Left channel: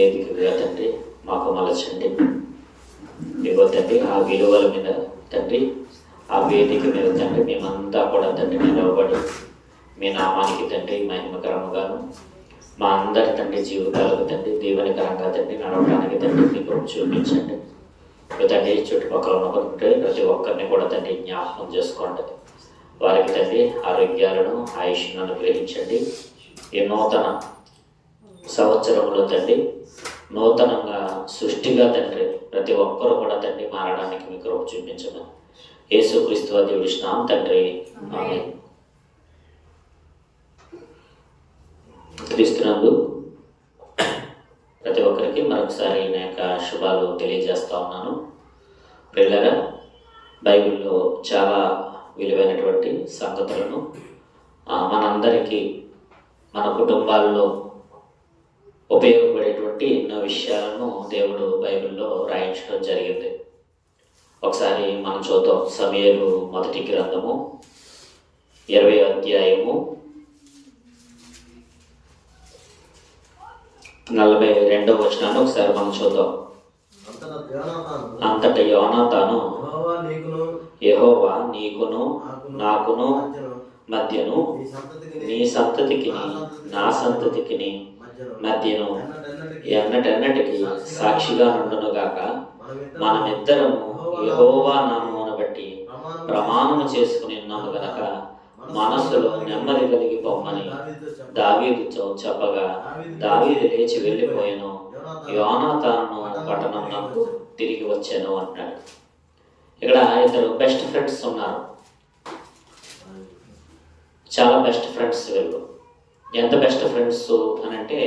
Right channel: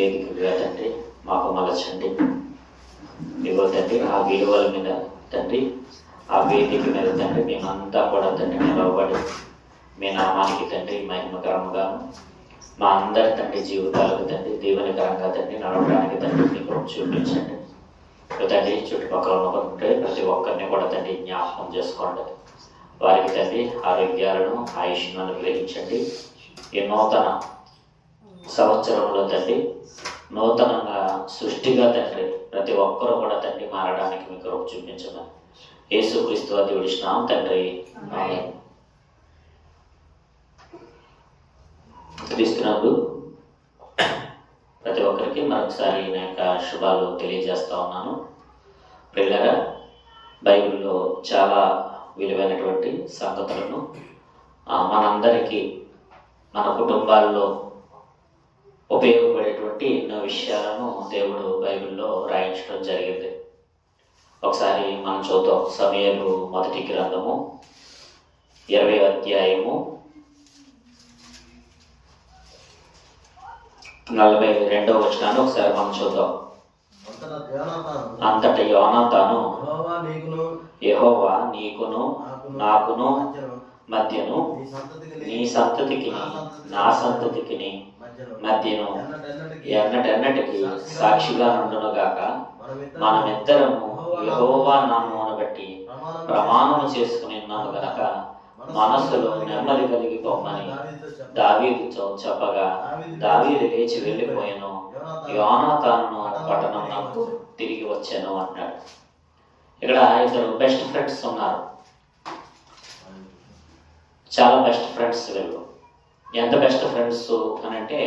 వేదికగా తండ్రి మాకు మలచండి. ఇదిగో తండ్రి ఆ విలువల మీద తండ్రి, ఆ వేదిక మీద తండ్రి మేమంతా కూడా తండ్రి నిలవబడి మీ నామానికి తండ్రి మహిమకరంగాను మా అందరి తండ్రి జీవితాలకు తండ్రి దీవెనకరంగా తండ్రి నడవడానికి తండ్రి మీకు చూపించండి. తండ్రి చుట్టుపక్కల ఉన్నటువంటి ప్రతి ఒక్కరిని కూడా తండ్రి జ్ఞాపకం చేసుకోండి. వారికి తండ్రి ఆరోగ్యాలను ఆయుష్ను అనుగ్రహించండి. ఈ నూతన సంవత్సరంలో తండ్రి నూతనంగా సృష్టిగా తండ్రి ప్రతి ఒక్కరూ కూడా తండ్రి మారడానికి మీకు కృప చూపించమని యేసుక్రీస్తు వారి దేవుడి నామమున తండ్రి ఆమేన్. క్రీస్తునందు ప్రతి ఒక్కరికి మరొకసారి నా యొక్క శుభాలు తెలియజేస్తా ఉన్నాను. ప్రియులారా, బైబిల్లో చాలా విలువైనటువంటి సంగతులను మనందరికీ మన కుటుంబాల్లో ఉపయోగపడేటువంటి ఎన్నో విషయాలను దేవుడు బైబిల్లో రాయించడం జరిగింది. ఒకసారి మనం చూద్దాం. సమూయేలు మొదటి గ్రంథము 20వ అధ్యాయము 42వ వచనాన్ని ఒకసారి మనం చూద్దాం. అంతట యోనాతాను యెహోవా నీకును నాకును మధ్యను నీ సంతతికి నా సంతతికి మధ్యను ఎన్నటెన్నటికి సాక్షిగా నుండునుగాక. మనమిద్దరము యెహోవా నామమును బట్టి ప్రమాణము చేసుకుని ఉన్నాము గనక మనస్సులో నెమ్మది కలిగి పొమ్మని దావీదుతో చెప్పగా దావీదు లేచి వెళ్ళిపోయాను, యోనాతాను పట్టణమునకు తిరిగి వచ్చాను అంటాడు. ఇక్కడ ఇద్దరు బెస్ట్ ఫ్రెండ్స్ ఉన్నారు. చాలా బెస్ట్ ఫ్రెండ్స్ వీళ్ళు. ఎంత బెస్ట్ ఫ్రెండ్స్ అని అంటే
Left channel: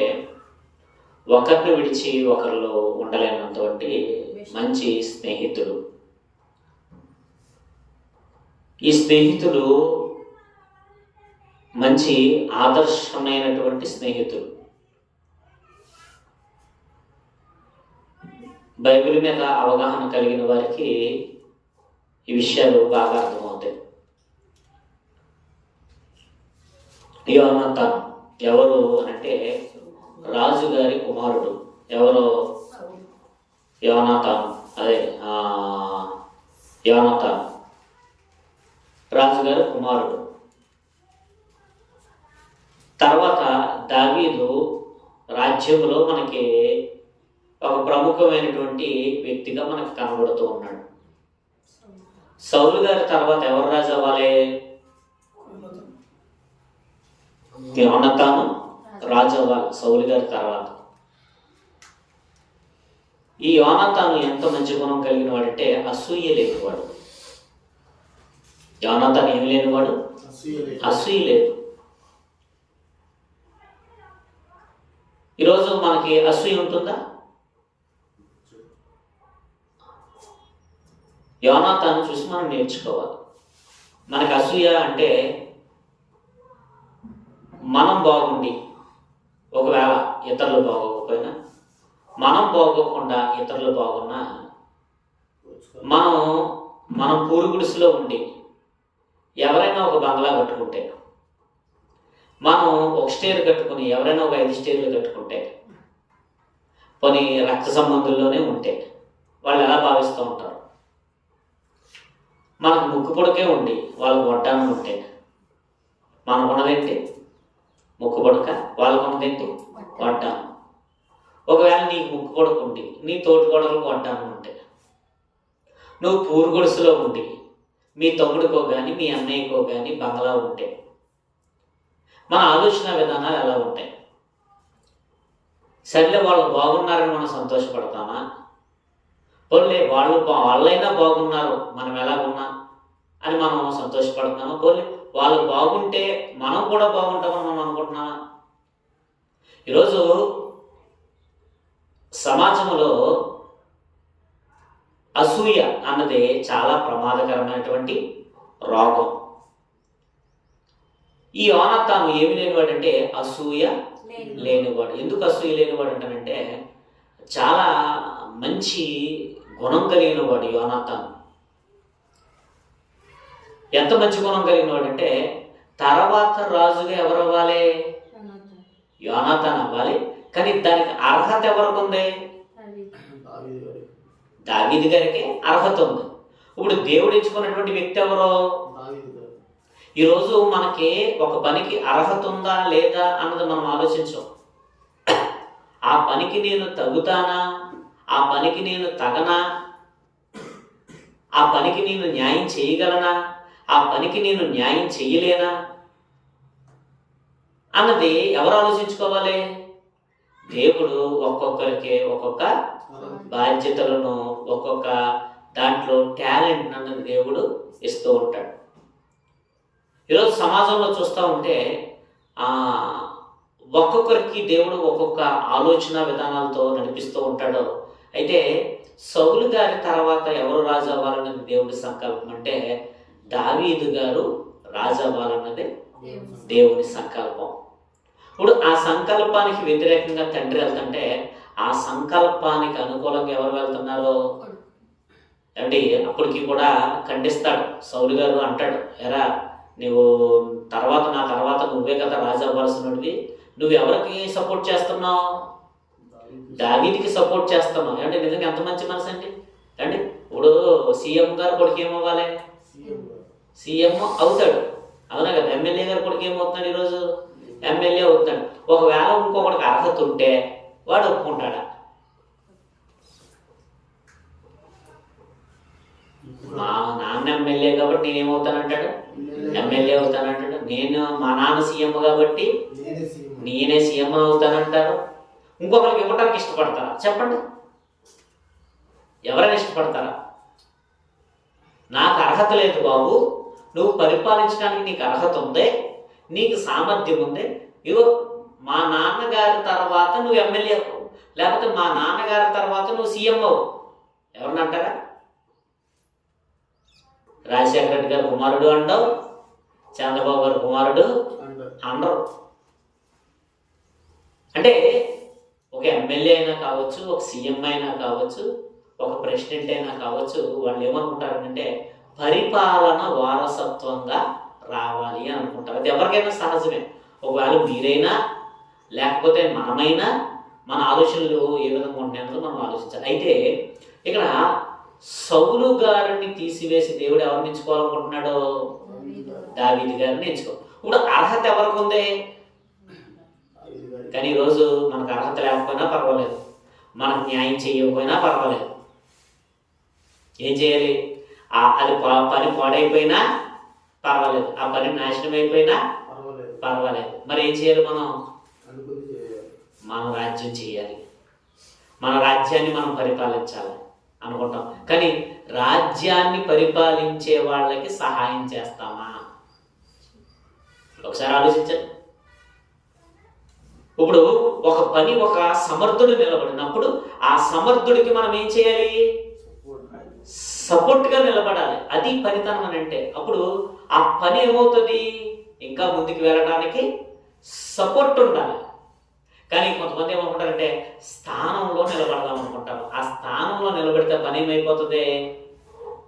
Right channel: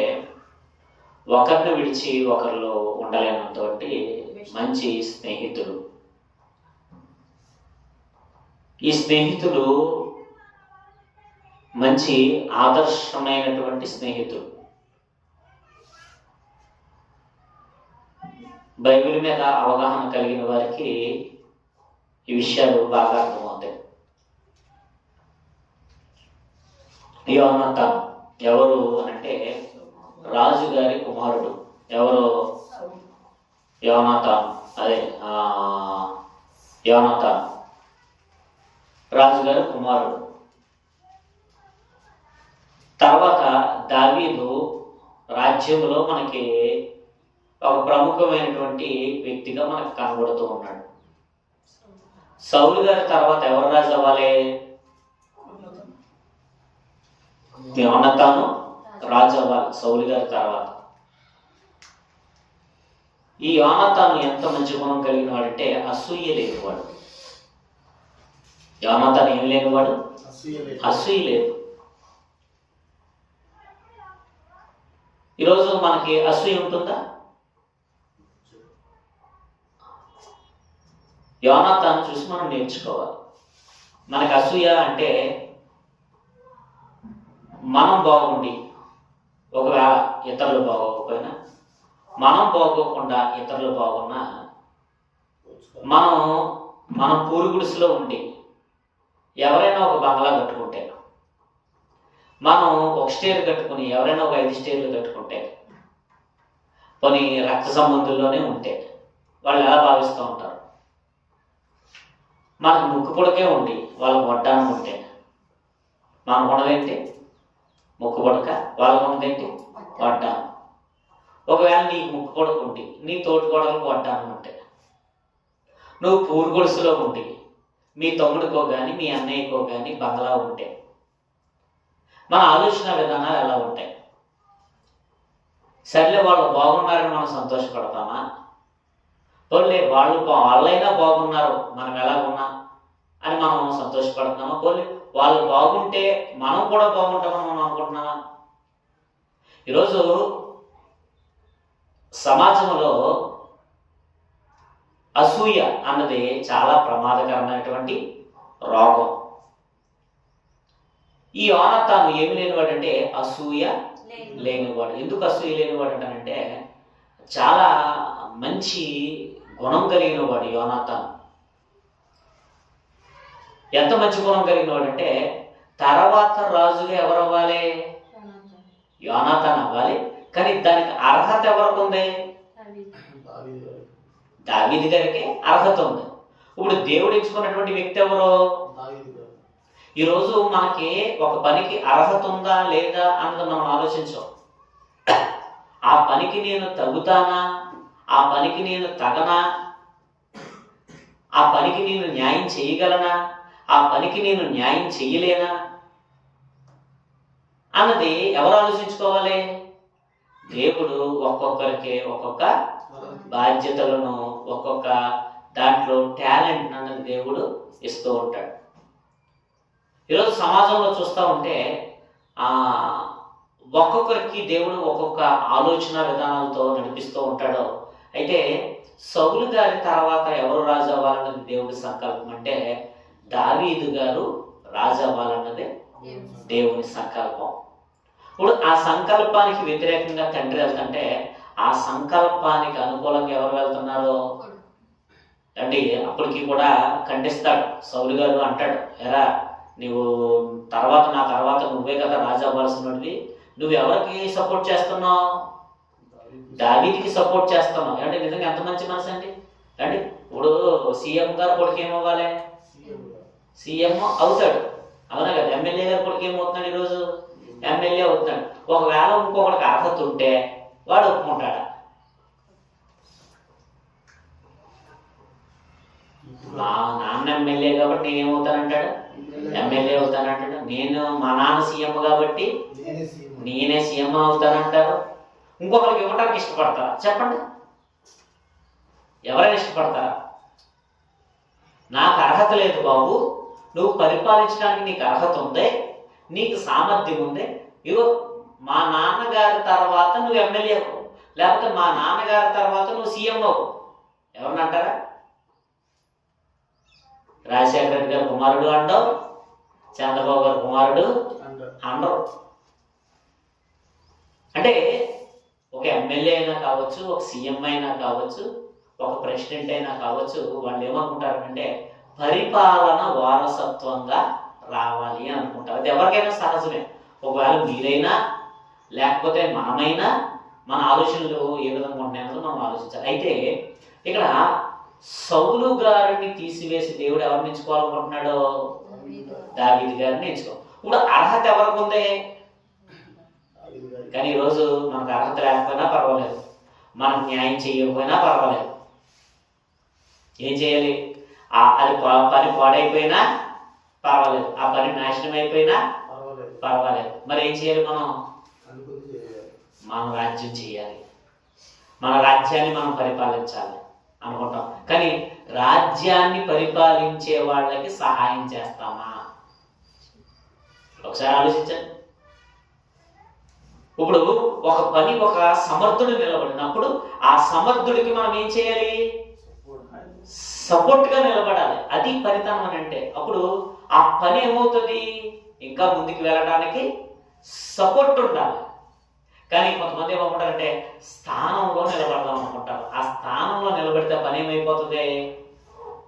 ఒకరిని విడిచి ఒకరిలో ఉండలేనంతటి మంచి స్నేహితులు. ఈ స్నేహితులు మంచి ఆదర్శమైనటువంటి స్నేహితులు. బైబిల్ మీద అవగాహన కలిగిన వారికి ఈ విషయాలు బాగా అర్థమవుతాయి. యోనాతాను ఎవరు అంటే రాజుగారి కుమారుడు. ఎవరు? యోనాతాను. అదే యోనాతాను రాజుగారి కుమారుడు. తర్వాత దావీదు రాజ్యంలో మనకి ఒక ప్రముఖమైనటువంటి వ్యక్తిగా మనకు కనబడుతూ ఉన్నాడు. సౌలు గారి తర్వాత ఎవరు రాజు అవ్వాలి? యోనాతాను రాజు అవ్వాలి సౌలు గారి తర్వాత. ఈ యోనాతాను ఎంత మంచి గుణం కలిగిన వాడంటే అసూయ లేనివాడు. యోనాతాను ఏమి లేనివాడు? అసూయ లేదు. ఈరోజు మనకి అసూయ ఉంటుందా? యోనాతాను చూసి మనం నేర్చుకోవాలి. మనకి అసూయ అంటే మనం బాగుండి ఒకవేళ ఇతరులు బాగోకపోయినా, మనం బాగోకుండా ఇతరులు బాగున్నా, మనం పూరుగుడిసెలో ఉండి ఎవరైనా ఒక బంగ్లా కట్టుకుంటే, మనం ఒక స్టేర్ కట్టుకుని ఎవరైనా ఒక 5 స్టేర్లు కట్టుకుంటే, కొన్ని రక్త సంబంధుల్లోనే ఉంటే వాళ్ళు ఎలా భావిస్తూ ఉంటారు? మనకు ముక్కు పొడకే ఉండి వాళ్ళకు వడ్డానం ఉంటే మనకు ఉన్నదేంటి? ముక్కు పొడక. వాళ్ళకు ఉన్నదేంటి? వడ్డానం. ఒకవేళ నీకు ముక్కు పొడక ఉండి నీ తోటి పొడలకు వడ్డానం ఉంటే, నువ్వు పూరుగుడిసెలో ఉండి మీ తమ్ముడికో కానీ మీ అన్నయ్యకో కానీ బంగ్లా ఉంటే మన ఆలోచన విధానాలు ఎలా ఉంటాయి? సర్లే వాళ్ళు బాగున్నారని మనం సంతోషపడతామా? పోలే వాళ్ళైనా బాగున్నారు మనం ఎలా ఉన్నా అని మనం సంతోషపడుతున్నామా? పోలే వాళ్ళు బాగుంటే మనం కూడా బాగుంటామని మనం అనుకుంటున్నామా? ఈరోజు సమాజంలో అసూయ అన్నది చాలా ప్రమాదకరమైనటువంటి రోగం. ఈ యోనాతాను ఏమి లేనివాడంటే అసూయ లేనివాడు. ఎందుకు అసూయ లేనివాడు అంటానంటే చాలా మంచి గుణం కలిగిన వాడు యోనాతాను. ఎంత మంచి గుణం కలిగిన వాడు అంటే తర్వాత రాజుగా ఎవరు అవ్వాలి? యోనాతాను అవ్వాలి. కానీ దానికి అర్హత ఎవరికి ఉంది? దావీదు గారికి అర్హత ఉంది. ఇప్పుడు దేవుడు ఎంచుకున్నటువంటి వ్యక్తి ఎవరు? ఈరోజు మనకి ఒక పనికి అర్హత ఉందా లేదా అన్నది మనం ఆలోచించాం. ఆ పనికి నేను తగుతానా, ఆ పనికి నేను తగనా, ఆ పనికి నేను న్యాయం చేయగలనా, ఆ పనికి నేను న్యాయం చేయలేనా అన్నది ఎవరు ఆలోచించుకోవాలి? దేవుడు ఒక్కొక్కరికి ఒక్కొక్క బాధ్యతలను, ఒక్కొక్క దాంట్లో టాలెంట్ అన్నది దేవుడు ఇస్తూ ఉంటాడు. ఈరోజు సమాజంలో చూస్తూ ఉంటే ఒక్కొక్కరికి దేవుడు ఒక్కొక్క ఆలోచన విధానాలతో నడిపిస్తూ ఉంటాడు. అయితే సౌలు గారి తర్వాత ఎవరు రాజు అవ్వాలన్నది దేవుడి సంకల్పం అంటే దావీదు గారు రాజు అవ్వాలన్నది దేవుని సంకల్పం. ఇప్పుడు ఆ సంకల్పానికి వ్యతిరేకంగా తండ్రి వెళ్తుంటే ఆ సంకల్పానికి అనుకూలంగా ఎవరు వెళ్తున్నారు అంటే అప్పటికి కూడా ఖండిస్తాడు. సౌలు గారు అంటాడు, ఎరా నువ్వు నా తర్వాత నువ్వే కదా రాజు అవ్వాల్సినది, నువ్వు ఎవరికి సపోర్ట్ చేస్తున్నావు? దావీదుకి సపోర్ట్ చేస్తున్నావు. అంటే నిజంగా ఎంత మంచి మనసు అండి. అంటే ఇప్పుడు సీఎం గారు కొడుకు ఏమవ్వాలి? సీఎం అవుతాడు, అవునా కదా? ఎమ్మెల్యే గారు కొడుకు ఏమవుతున్నాడు? ఈరోజు ఎమ్మెల్యే అవుతున్నాడు. ఒకవేళ ఇంకొకటికి అర్హత ఉంటే వాడు ఒప్పుకుంటాడా? మా నాన్న ఎమ్మెల్యే కాబట్టి నేనేమవుతానంటాడు? ఎమ్మెల్యే అవుతానంటాడు. మా నాన్న సీఎం కాబట్టి నేనే సీఎం అవుతానంటారు. ఇంకొకరికి ఇవ్వడానికి ఇష్టపడతారా? చెప్పండి, ఎవరైనా ఇష్టపడతారా? నాకు అర్హత లేదు బాబు, నువ్వు పరిపాలించడానికి నీకు అర్హత ఉంది, నీకు సామర్థ్యం ఉంది, ఇగో మా నాన్నగారి తర్వాత నువ్వు ఎమ్మెల్యే అవ్వు, లేకపోతే మా నాన్నగారి తర్వాత నువ్వు సీఎం అవ్వు, ఎవరిని అంటారా? రాజశేఖర రెడ్డి గారి కుమారుడు అంటావు, చంద్రబాబు గారి కుమారుడు అండరు. అంటే ఒక ఎమ్మెల్యే అయినా కావచ్చు, ఒక సీఎం అయినా కావచ్చు, ఒక ప్రెసిడెంట్ అయినా కావచ్చు, వాళ్ళు ఏమనుకుంటారంటే పరిపాలన వారసత్వంగా రావాలి అని అనుకుంటారు. అది ఎవరికైనా సహజమే. ఒకవేళ మీరైనా లేకపోతే మనమైనా మన ఆలోచనలు ఏ విధంగా ఉంటాయన్నది మనం ఆలోచించాలి. అయితే ఇక్కడ సౌలు గారిని తీసివేసి దేవుడు ఎవరిని ఎంచుకోవాలనుకుంటున్నాడు? దావీదు గారిని ఎంచుకో. ఇప్పుడు అర్హత ఎవరికి ఉంది? కానీ ఈరోజు మనకు అర్హత లేకపోయినా పర్వాలేదు, మనకు న్యాయం చేయకపోయినా పర్వాలేదు. ఏం చేయాలి? అది పని పాడైపోయినా పర్వాలేదు, ఆ పని నాశనం అయిపోయినా పర్వాలేదు. మరి ఏం చేయాలి? మన రాజ్యం చేయాలి, మన రాజ్యాన్ని మనం పరిపాలించాలి అనుకుంటాం. కానీ రాజ్యాన్ని పరిపాలించే వాళ్ళకి సహాయం చేస్తామా? ఒకసారి ఆలోచించండి. ఇప్పుడు ఒక పని ఒక సమర్థుడు నిలబడినప్పుడు ఆ సమర్థుడికి మనం ఏం చేయాలి? సపోర్ట్గా నిలబడాలి. అది పనితనం అని అంటే అప్పుడు ఆ పని ఏమవుతుంది? ఇంకా ముందుకు వెళ్ళడానికి సపోర్ట్ ఉండాలి. కానీ కొంతమంది ఏమనుకుంటారంటే స్థానంలో నిలబడదాం అనుకుంటారు. ఆ స్థానంలో నిలబడితే పని ఏమైపోతుంది?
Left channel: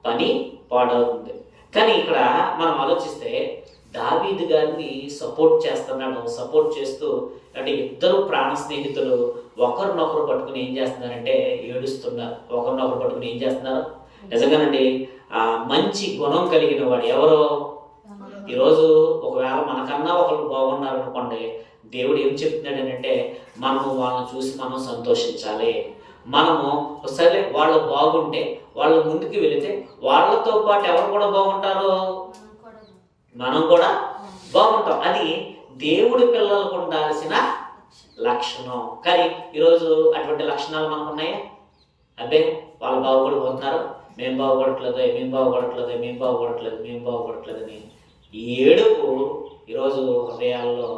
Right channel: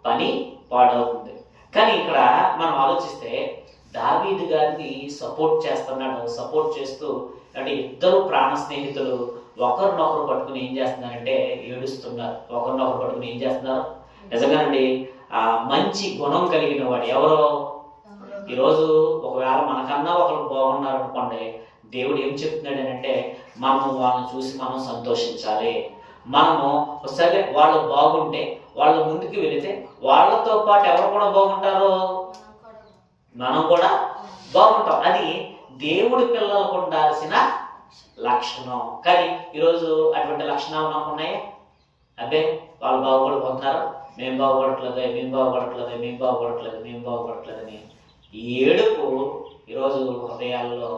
పని పాడవుతుంది. కానీ ఇక్కడ మనం ఆలోచిస్తే దావీదు గారిని సపోర్ట్ చేస్తున్నాడు. సపోర్ట్ చేస్తూ అంటే ఇద్దరు ప్రాణ స్నేహితులు ఒకరినొకరు పట్టుకుని ఏం చేస్తున్నారంటే ఏడుస్తున్నారు. ఒకరినొకరు పట్టుకుని ఏం చేస్తున్నారు? నిజంగానండి మంచి గుణం కలిగిన వాడు ఎవరో. ఈరోజు ఒకవేళ మనకన్నా ఒకరు బాగున్నారు అనుకోండి, దేవుడు ఏం చెప్తున్నాడు అంటే మనము వాళ్ళని చూసి మనం సంతోషించాలి. మనము సరే వాళ్ళు బాగుంటే వాళ్ళు ముందుకు వెళితే వాళ్ళతో పాటు ఎవరు కూడా బాగుంటారు? మనం కూడా బాగుంటాం. అది దేవుడి పిల్లలకు ఉండాల్సిన లక్షణం. కానీ ఈరోజు అటువంటి లక్షణాలు మనకు ఉన్నాయా? అబ్బే వాళ్ళు బాగుపడిపోతున్నారు, మేము బాగుపడట్లేదని ఏడుపు ఈరోజు హృదయాల్లో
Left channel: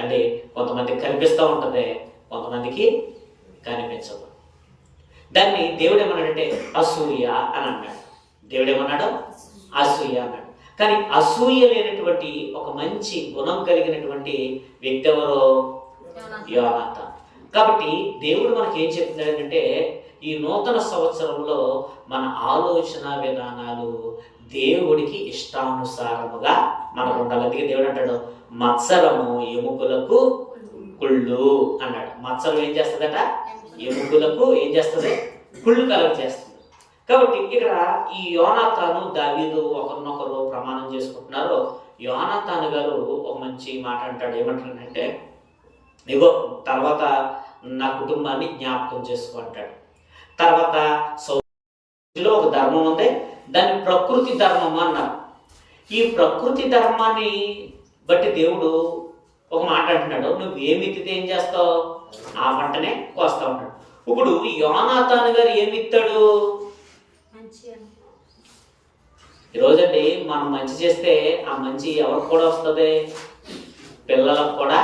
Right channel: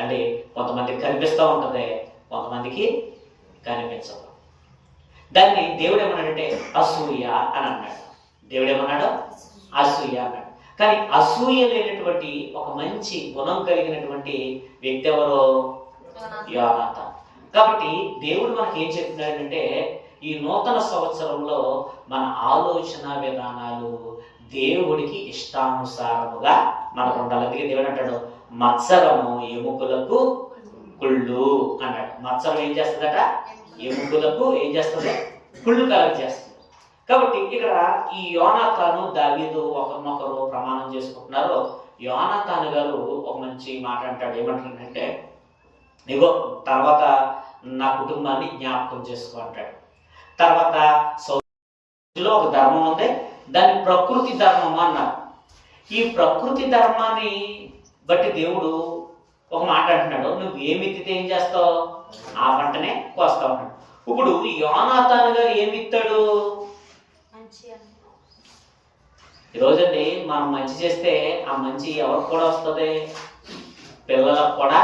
అంటే కొంతమందికి కనిపిస్తూ ఉంటుంది, కొంతమందికి కనిపించదు. దాన్ని దేవుడు ఏమన్నాడంటే అసూయ అని అన్నాడు. దేవుడు ఏమన్నాడు? అసూయ అన్నాడు. కానీ అసూయ లేనటువంటి ఒక మంచి గుణం కలిగినటువంటి వ్యక్తి ఎవరో? యోనాతాను. కాబట్టి దేవుడు మనకి ఏం చెప్తున్నాడంటే ఈ నూతన సంవత్సరంలో మన ఆలోచన విధానాలు దేవుడికి ఇష్టానుసారముగా మనకు ఉండాలి. అందుకే దేవుడు అంటాడు మత్సరము ఎముకలకు కుళ్ళు అన్నాడు. మత్సరం ఏం చేస్తుందట? ఎముకలకు ఏం చేస్తుంది? కుళ్ళు కలగ చేస్తుంది. కాబట్టి ఇక్కడ ఈ యోనాతాను దావీదు ఒకరినొకరు ప్రమాణం చేసుకుంటున్నారు. యోనాతాను గారు ఒక మంచి మాట అంటాడు. ఏమంటాడంటే, ఇగో తర్వాత నా కుటుంబాన్ని జ్ఞాపకం చేసుకో అంటాడు. తర్వాత సౌలో ఒక ధర్మం ఉంది, దాన్ని ప్రకృతి ధర్మం అన్నారు. ఈ ప్రకృతి ధర్మాన్ని బట్టి దేవుడు ఒక మాట అంటున్నాడు, నువ్వు ఏమి ఎత్తితే ఏం చేస్తావు? ఆ పంటనే కోస్తావు అన్నాడు. ఇప్పుడు యోనాతాను గారు ఏమి ఇస్తాడు? ఈరోజండి మనం మంచి చేస్తే ఆ మంచి ఎవరికి కూడా వస్తుంది? పిల్లలకు కూడా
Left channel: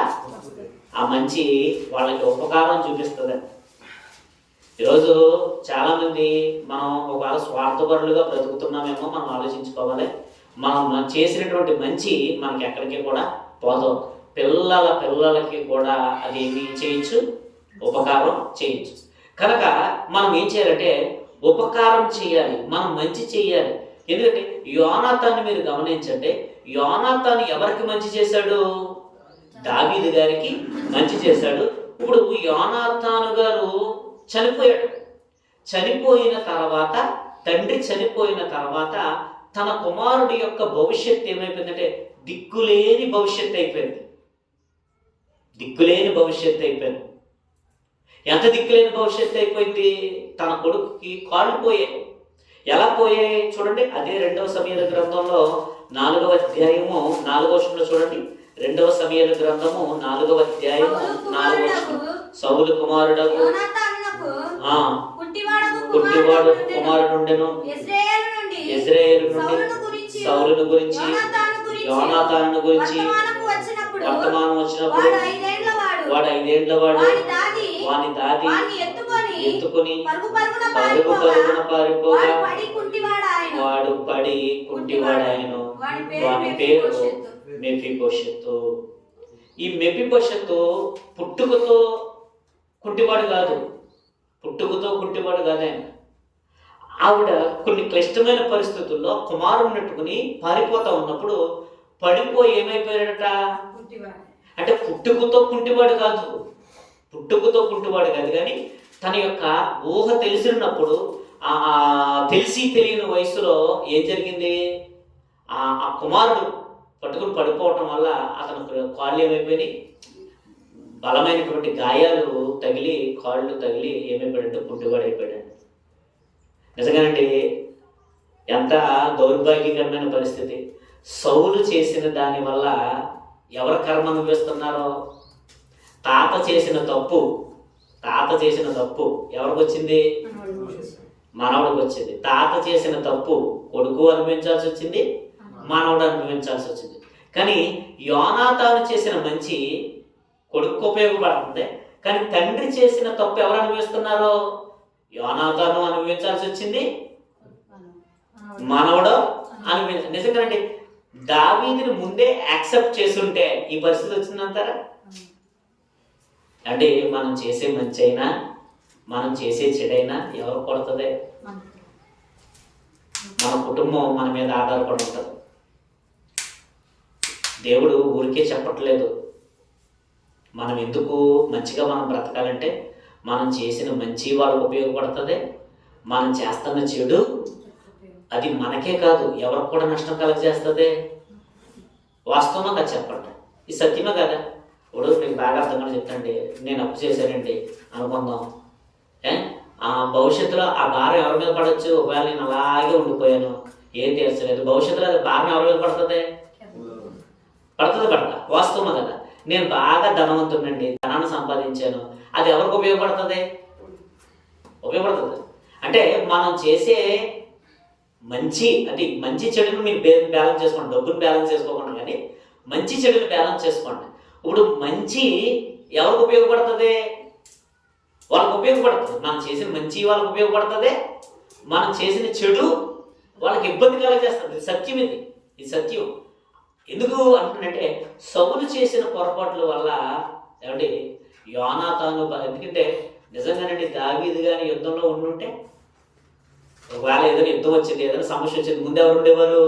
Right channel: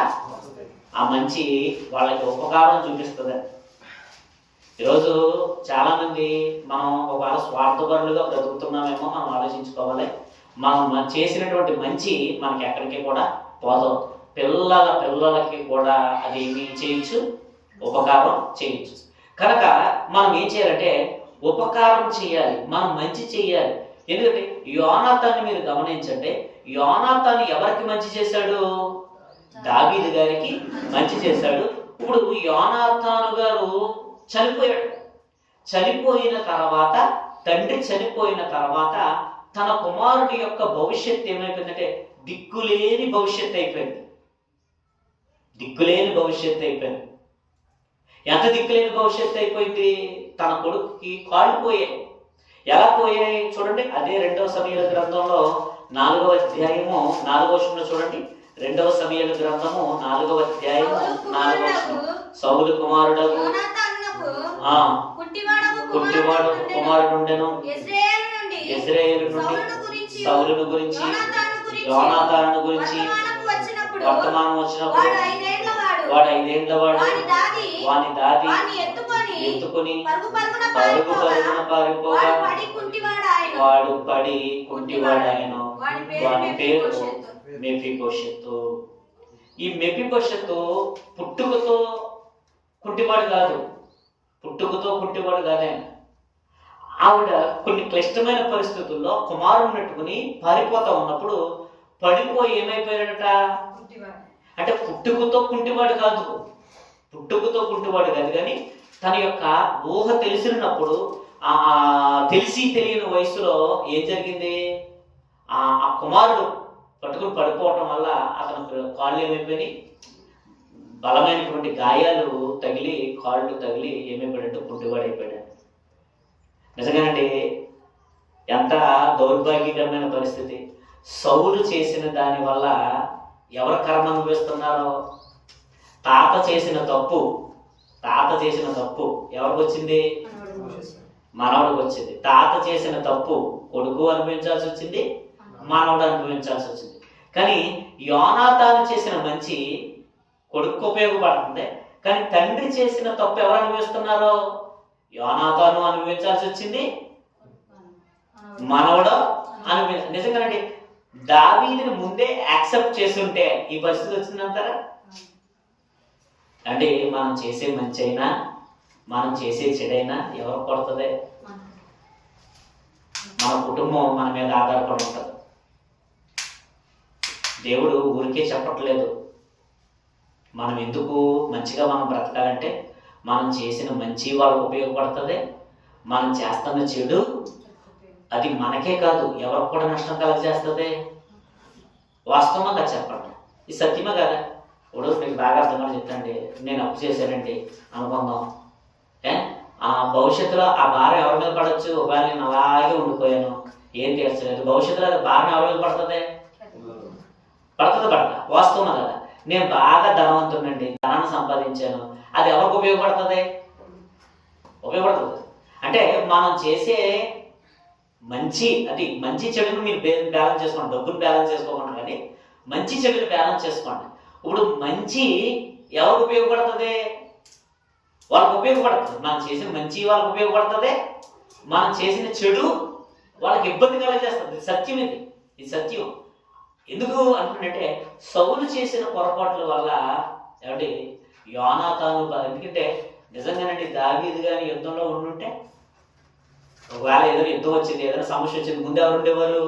ఆ మంచి వాళ్ళకి ఉపకారం చూపిస్తుంది. ఈరోజు చాలామంది మనం ఒకవేళ స్వార్థపరులుగా బ్రతుకుతున్నామేమో మనం ఆలోచించుకోవాలి. మనం చేసినటువంటి మంచి మనకి ఎక్కడికి కూడా పోదు. పిల్లలకి కూడా అది ఏమి చేయొచ్చు? ఉపకారం చేయొచ్చు. కనుక మనం ఏం చేయాలంటే ఉపకారం చేయాలి, మనం మంచి చేయాలి. ఎందుకంటే యోనాతాన్ని మీరు గమనించండి, యోనాతాను ఎవరికి మంచి చేశాడు? దావీదు గారికి మంచి చేశాడు. ఇప్పుడు యోనాతాను గారు చనిపోయాడు. చనిపోయిన తర్వాత, తండ్రి చనిపోయిన తర్వాత తన కుమారుడి యొక్క భవిష్యత్తు ఏమైపోయిందంటే దిక్కులేని భవిష్యత్తు అయిపోయింది. దిక్కులేని భవిష్యత్తు అయిపోయింది. ఎంత దిక్కులేని భవిష్యత్తు అయిపోయింది? తన కొడుకుకి కాళ్ళు పోయాయి. ఎలా పోయాయి చూడండి. అదే 2వ సమూయేలు గ్రంథంలో 4వ అధ్యాయము 4వ వచనంలో చూడండి. 2వ సమూయేలు గ్రంథము 4వ అధ్యాయము 4వ వచనం. సౌలు కుమారుడకు పుట్టివాడు కుమారుడు ఉండెను. యెజ్రెయేలు నుండి సౌలును గురించి యోనాతాను గురించి వర్తమానం వచ్చినప్పుడు వాడు 5 ఏండ్ల వాడు. వాని దాది ఎత్తుకుని పరుగు పరుగున పారిపోగా వాడు పడి కుంటివాడాయను. వాని పేరు మెఫీబోషెతు. ఈ మెఫీబోషెతు పుట్టుకతో కుంటివాడు కాదు. పుట్టుకతో కుంటివాడు కాదే. ఆవిడ కొన్ని క్లిష్టమైన పరిస్థితుల్లో కుమారుని నెట్టుకుని పారిపోతా ఉన్నప్పుడు పడిపోయి ఏమైపోయాడట? అంటే పుట్టుకతో కుంటివాడు కాదు. పుట్టుకతో కుంటివాడు కాదు, కానీ తన యొక్క ఊహ తెలిసినప్పుడు, తెలిసి తెలియని వయసులో ఏం జరిగింది? ఆ కుమారుడు పట్టుకుని పడిపోవటం వల్ల అతను కాళ్ళు ఏమైపోయినాయి? బలమైనటువంటి గాయాలు తగిలి, కాళ్ళు తగిలి ఏమైపోయాడంటే కుంటివాడు అయిపోయాడు. నిజంగానండి, ఎంత దౌర్భాగ్యకరమైన పరిస్థితి. సౌలు చేసిన దాని వల్ల ఎవరు కర్మ అనుభవిస్తున్నారో? తాత చేసిన తప్పు ఎవరికి వచ్చింది? మనవడికి వచ్చింది. తాత చేసిన తప్పు కొడుకు అనుభవించాల్సి వచ్చింది, మనవడు అనుభవించాల్సి వచ్చింది. కానీ యోనాతాను చేసిన మంచి కొడుకు ఉపయోగపడుతుంది, కానీ తండ్రి చేసిన తప్పు ఎవరు అనుభవిస్తున్నారో? యోనాతాను అనుభవించాల్సి వచ్చింది, మనవడు నిజంగానండి, దావీదుని ముందే యాక్సెప్ట్ చేస్తుంటే ఈ పరిస్థితి వచ్చిందంటారా? అంటే మనం చేసే మంచి అయినా, మనం చేసే చెడైనా ఎవరు పడుతుంది? మన కుటుంబం మన మీద ఆధారపడి ఉంటుంది. దేవుడు ఊరికే చెప్పట్లేదు. మనం ఎందుకు మంచిగా మనం బ్రతకాలంటే మనం చేసిన మంచి వాళ్ళకు ఉపయోగపడుతుంది, మనం చేస్తున్న చెడు అది మనకే కాదు ఎవరికి కూడా నష్టం కలగజేస్తుంది. వాస్తవంగా చెప్పండి, ఇది సత్యమే కదా? ఇప్పుడు మీకు బాగా అర్థంగా చెప్తాండి, నేను అప్పు చేశానండి అనుకుందాం. ఆ భవిష్యత్తులో ఆ భారం ఎవరి మీద పడవచ్చు? ఒకవేళ నేను అలాగే ఉండిపోయాను, ఏం తీర్చలేదు, భవిష్యత్తులో అది భారం ఎవరి మీద పడుతుంది? పడదా? వాస్తవమే కదా? నేను బాగా ధనవంతునండి, ధనాన్ని సంపాదించాను, అది ఎవరికి ఉపయోగపడుతుంది? అంటే మనం చేసే మంచి, అది మంచి చెడును మీరు బ్యాలెన్స్ చేసుకోండి, డబ్బును బ్యాలెన్స్ చేసుకోకుండా, కానీ మంచి చెడుని బ్యాలెన్స్ చేసుకోండి. ఇప్పుడు మంచి ఎవరికి ఉపయోగపడుతుంది? వాళ్ళకి ఉపయోగపడుతుంది. మనం చేసిన మంచి వాళ్ళకి ఉపయోగపడుతుంది, మనం చేసిన చెడు వాళ్ళకి ఇబ్బంది కలగజేస్తుంది. సత్యం ఇది సత్యం. ఎందుకు అంటున్నట్టే, సౌలు చేసిన పొరపాట్ల వల్ల ఏమంటే యోనాతాను, ఎందుకంటే నిజంగానండి దావీదు కానీ యుద్ధంలో ఉండుంటే, ఒకవేళ ఏదైనా యుద్ధం వచ్చింది, ఏదైనా సమస్య వచ్చింది, ముందు ఎవరు ఉండేవారు?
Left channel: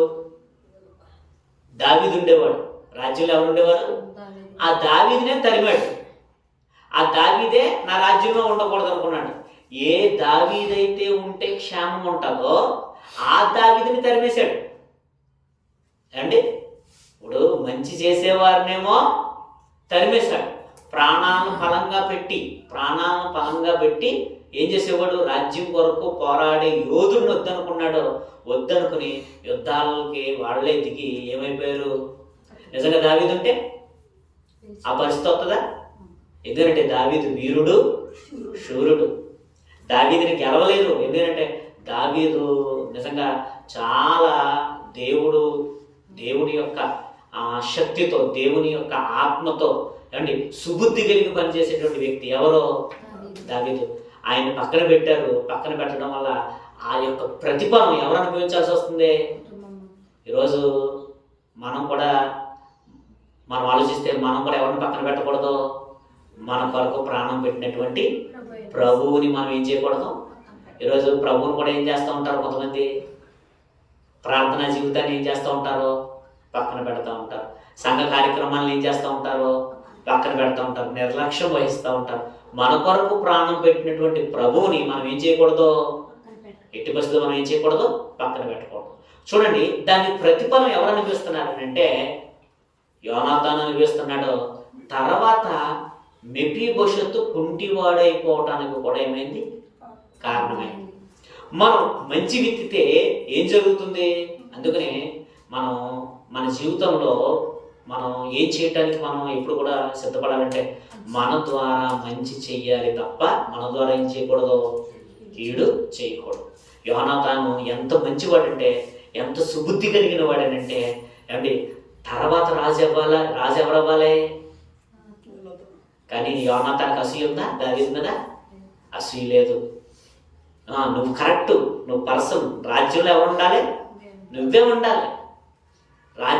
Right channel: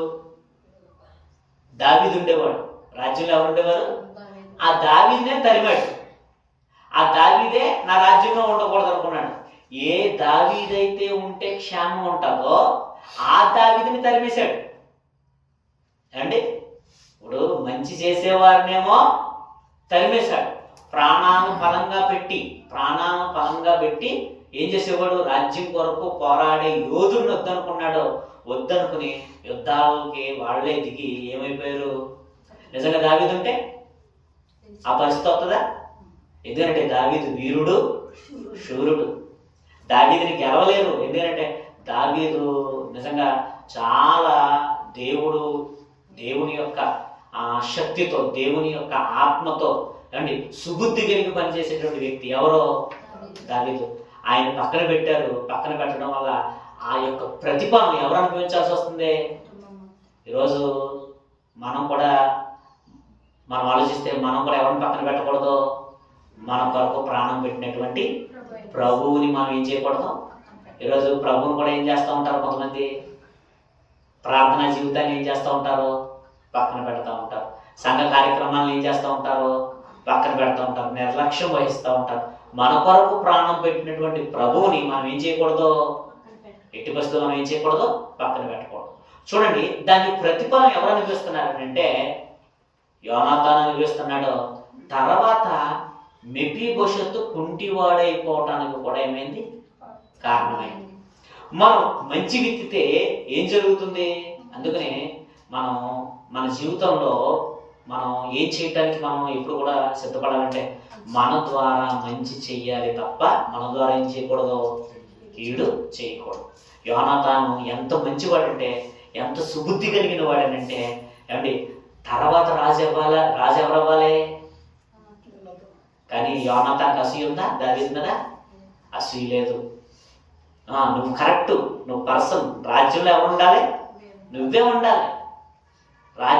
దావీదు ఉండేవాడు. రాజ్యంలో ఎవరు ఉండేవారు? ఆ దావీదునే తరిమాడు. ఆ దావీదే నా రాజ్యంలో ఉండకూడదు అనుకున్నాడు. ఏ దావీదైతే ఉంటే క్షేమం ఉంటుందో ఆ దావీదుని తరిమేశాడు అండి. ఇప్పుడు మంచి చేసేవారినేమో తరిమేశాడు. ప్రాణాలను బలంగా పెట్టి ఏం చేసేవాడు? రాజ్యం కొరకు పోరాడే యోధుడిని వద్దనుకున్నాడు. వద్దనుకుని యుద్ధాలకి వాళ్ళే దిగి ఏమైపోయారు? నిజంగా దావీదు ఉంటే ఆ పరిస్థితి వస్తుందా? ఎందుకంటే దావీదు వీరుడు, శూరుడు. దావీదుని గెలవలేరు. ఎందుకంటే దావీదు నిజంగా చాలా దేవుని యొక్క శక్తితో, దేవుని యొక్క ఆత్మతో అంటే సుబుద్ధి కలిగి పనిచేసేటువంటి వ్యక్తి. ఎవరో? దావీదు. ఆయన పక్కన పెట్టారు. పక్కన పెట్టడం వల్ల ఆ యొక్క ప్రతిఫలం ఎవరు అనుభవించాల్సి వస్తుంది? ఈరోజు మనం ఆలోచిస్తే మనం కూడా ఎవరిని పక్కన పెట్టకూడదు? మన కొరకు ప్రాణం పెట్టినటువంటి ప్రభువుని మనం ఏం చేయకూడదు? ఈరోజు ప్రభువుని కూడా ఏం చేస్తూ ఉంటారు? కొంతమంది ప్రార్థనా జీవితాన్ని ఏం చేస్తూ ఉంటారు? పక్కన పెడతా ఉంటారు. సంఘ కార్యక్రమాలను ఏం చేస్తూ ఉంటారు? పక్కన పెడతా ఉంటారు. నిర్లక్ష్యం వహిస్తూ ఉంటారు. మన కొరకు ప్రాణం పెట్టినటువంటి ప్రభువుని మనం ఏం చేయకూడదు? ఎట్టి పరిస్థితుల్లో మనం ఏం చేయకూడదు? పక్కన పెట్టకూడదు. చూడండి, దాని ప్రతిఫలం ఎవరు అనుభవిస్తున్నారంటే యోనాతాను అనుభవిస్తున్నాడు. తర్వాత మెఫీబోషెతు కుంటివాడైపోవటానికి కూడా ఏమైంది? కారణమైంది. మనం మంచి విత్తితే ఏం జరుగుతుంది? అందుకనే మనం మన జీవితంలో మనం ఏం చేయటానికి మనం ఎప్పుడు కూడా సిద్ధపడాలంటే మన ద్వారా మంచి చెయ్యాలి తప్ప మన ద్వారా ఏం చేయకూడదు? కీడు చేయకూడదు. యోనాతాను ఎంత మంచివాడంటే, ఎంత సుబుద్ధి కలిగిన వాడనంటే ఏమండి, తర్వాత రాజు ఎవరు అవ్వాలి? కానీ యోనాతానికి అసూయ ఉందా దావీదు మీద? అసూయ లేదు. నువ్వు కరెక్ట్, నువ్వు పర్సన్. రాజ్యంలో ఎవరు ఉండాలి? నువ్వే ఉండాలి.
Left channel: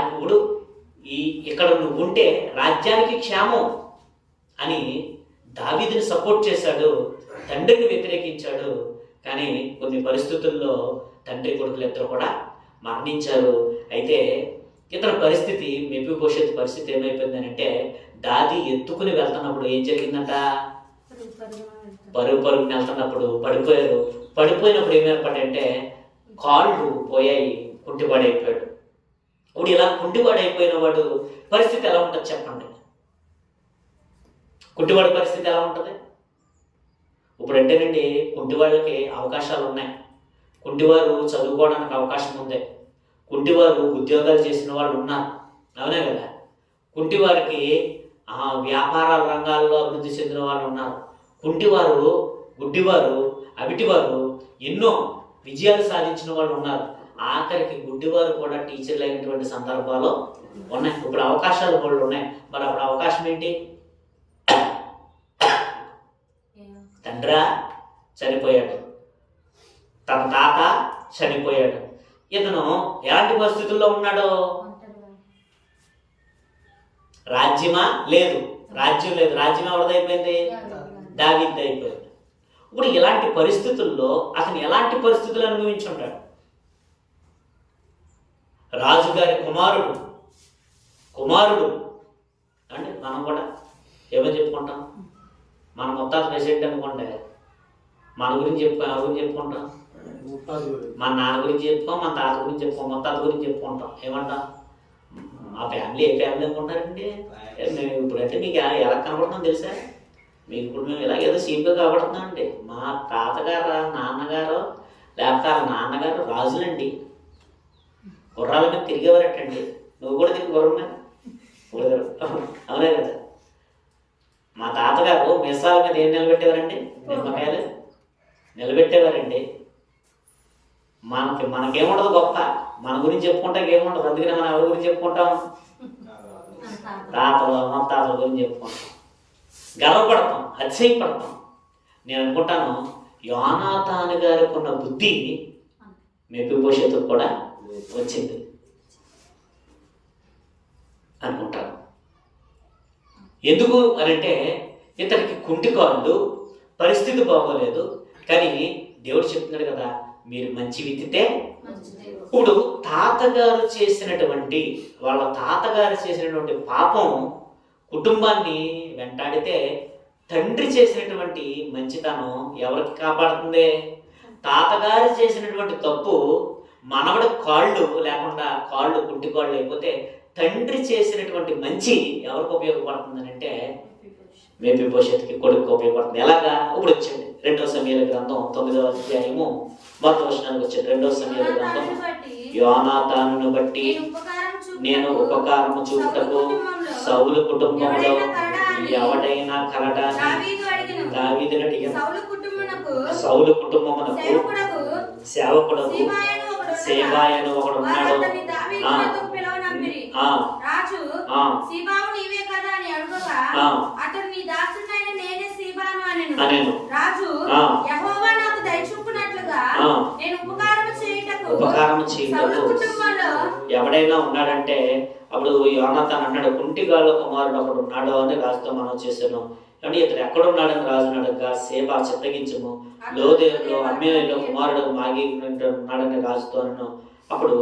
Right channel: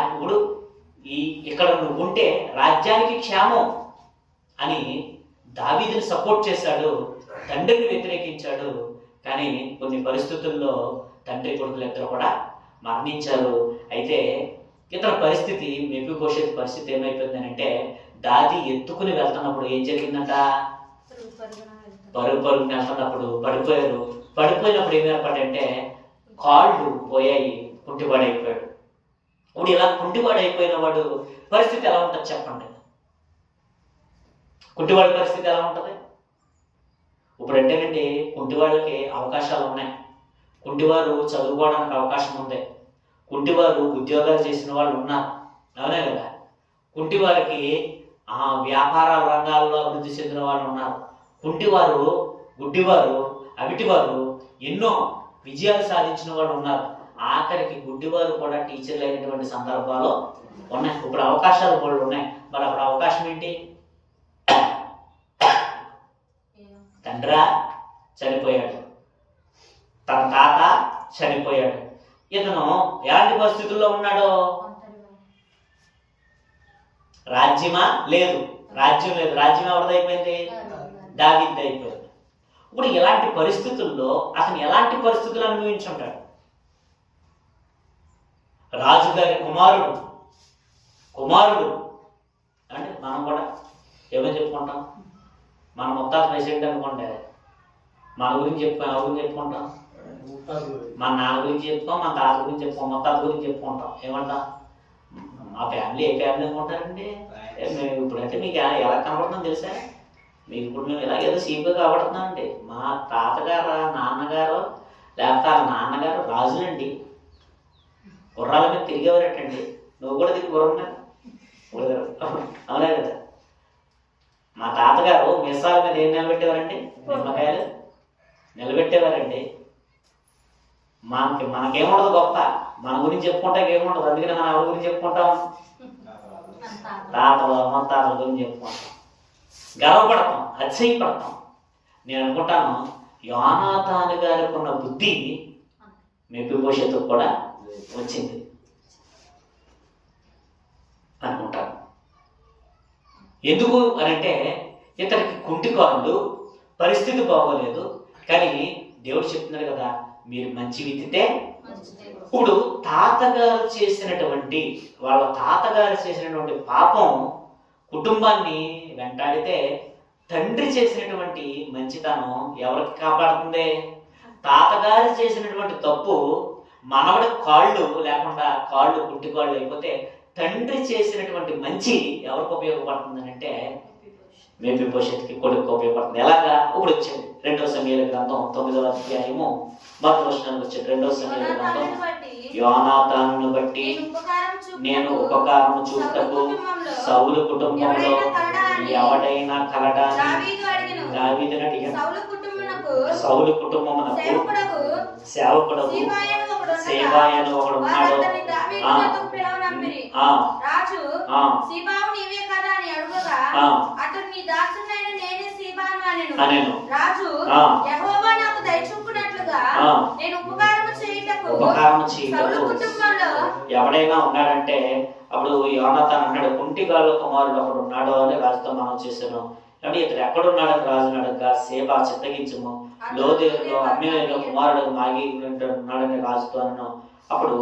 ఇప్పుడు ఇక్కడ నువ్వు ఉంటే రాజ్యానికి క్షేమం అని దావీదుని సపోర్ట్ చేశాడు. తండ్రిని వ్యతిరేకించాడు. కానీ కొన్ని పరిస్థితుల్లో తండ్రి కొడుకులు ఇద్దరు కూడా మరణించారు. అయితే ఇతని పరిస్థితి, మెఫీబోషెతు పరిస్థితి ఏమైపోయిందని అంటే, దాది ఎత్తుకుని వెళ్తున్నప్పుడు ఏం జరిగిందంట? పరుగుని వెళ్తున్నప్పుడు పడిపోయారు. పడిపోయినప్పుడు ఏమైపోయాడంటే కాళ్ళు పోయాయి, కుంటివాడైపోయాడు. ఇప్పుడు ఇలా కుంటివాడైపోయిన వాడు పరిస్థితి ఎలా ఉంటుంది చెప్పండి? కుంటివాడి పరిస్థితి ఎలా ఉంటుంది? ఇప్పుడు అంటేనండి, కుంటివాళ్ళకి అవకాశాలు ఉన్నాయి. కుంటివారు చదువుకోవడానికి అవకాశం ఉంది. కుంటివారు ఉద్యోగాలు చేసిన వాళ్ళు ఉన్నారు. అవునే కదా? కుంటివారికి వ్యాపారాల రంగాల్లో అభివృద్ధి చెందిన వాళ్ళు ఉన్నారు. కుంటివారు, గుడ్డివారు, అవిటివారు ఎన్నో విజయాలు సాధించిన వాళ్ళు ఉన్నారు. ఆఖరికి గుడ్డివారు కూడా టీచర్లు అయినటువంటి సందర్భాలు ఉన్నాయి. ఇప్పుడు అవకాశాలు వాళ్ళు ఉన్నాయి. మరి అప్పుడు అవకాశం ఏంటి? తండ్రి చనిపోయాడు, తన తాత చనిపోయాడు. ఇతను ఎలాంటి పరిస్థితుల్లో ఉన్నాడో? రాజ్యం లేదు. రాజ్యం ఎవరిదైపోయింది? దావీదు అయిపోయింది. ఇప్పుడు ఇలాంటి పరిస్థితుల్లో అతను ఎలాంటి పరిస్థితులు అనుభవించుంటాడు? రాజుగారి కుమారుడు అంటే మనం కూడా ఏమని చెప్పుకుంటాం? మన ముత్తాత ప్రెసిడెంట్ అనుకోండి, మన గురించి చెప్పుకుంటాం. మన నాన్న గురించి చెప్పుకోం, మన తాత గురించి చెప్పుకోం, ముత్తాత గురించి చెప్పుకుంటాం. ఏమంటాం? మా ఫ్యామిలీ ఏ ఫ్యామిలీ అనుకుంటారండి? ఇప్పుడంటే మీకు ఎలా కనపడుతుందో తెలుసా? మీకు ఇప్పుడు మేము ఇలాగేదో సీపుగా కనపడుతున్నాం అండి. మా తాతగారు, నాన్నగారు, లేకపోతే వాళ్ళ నాన్నగారు రాజులండి. గుర్రాల మీద తిరిగేవారటండి. నువ్వు కూడా తిరిగి గుర్రం మీద అవునే కదా? మా తాతగారు మిసాల మీద ఏం నిలబెట్టేవారండి? నిమ్మకాయలు నిలబెట్టేవారండి. మనకేముండదు గొప్ప, మన గురించి చెప్పుకుంటే ఏముండదు. అందుకని మనం ఎవరి గురించి చెప్పుకుంటాం? తాతలు, అమ్మతాతల గురించి చెప్పుకుంటాం, గర్వపడతాం, అతిశయపడతాం. నేను అనుకుంటాను యోనాతాను గారికి ఉన్న బుద్ధి మెఫీబోషెతుకు కూడా వచ్చింది అనుకుంటాను. ఎందుకు అనంటే ఇతనికి కుంటికాళ్ళు, పరిస్థితి బాగోలేదు. కానీ దేవుడు చెప్తున్నాడు కదా, మీరు మంచి విత్తితే. ఇప్పుడు వాళ్ళ తాతగారు చేసినటువంటి పాపం కుటుంబాన్ని వెంటాడితే తండ్రి చేసినటువంటి మంచితనం ఎవరికి కాపాడుతుంది? తాతగారు చేసినటువంటి తప్పు మనవడి కాళ్ళు లేకుండా, కాళ్ళు కుంటి కాళ్ళు లేకపోతే తండ్రి చేసినటువంటి మంచి ఎవరికి ఉపయోగపడుతుంది అంటే మేఫీబోషెతుకి కొడుకు ఉపయోగపడుతుంది. ఎలాగా? ఇప్పుడు వచ్చింది 2 సమూయేలు గ్రంథం 9వ అధ్యాయము మొదటి వచనానికి వచ్చింది. 2 సమూయేలు గ్రంథం యోనాతానును బట్టి నేను ఉపకారము చూపుటకు సౌలు కుటుంబంలో ఎవడైనా కలడాన్ని దావీదును అడిగాను. సౌలు కుటుంబమునకు సేవకుడకు సేవాయను ఒకడు ఉన్నాడు. ఉపకారము చేయుటకు ఎవడైనా ఉన్నాడంటే అప్పుడు యోనాతాను అన్నాడు, కుంటిగాళ్ళ కుమారుడు ఒకడు ఉన్నాడు అని రాజుతో మనం చేశాను. కానీ ఇతడు ఎక్కడున్నాడని రాజును అడగగా సేబా చిత్తగించము లోదేరులో అమ్మేయులో కుమారుడు మాగి ఉన్నాడని రాజుతో అన్నాను. అప్పుడు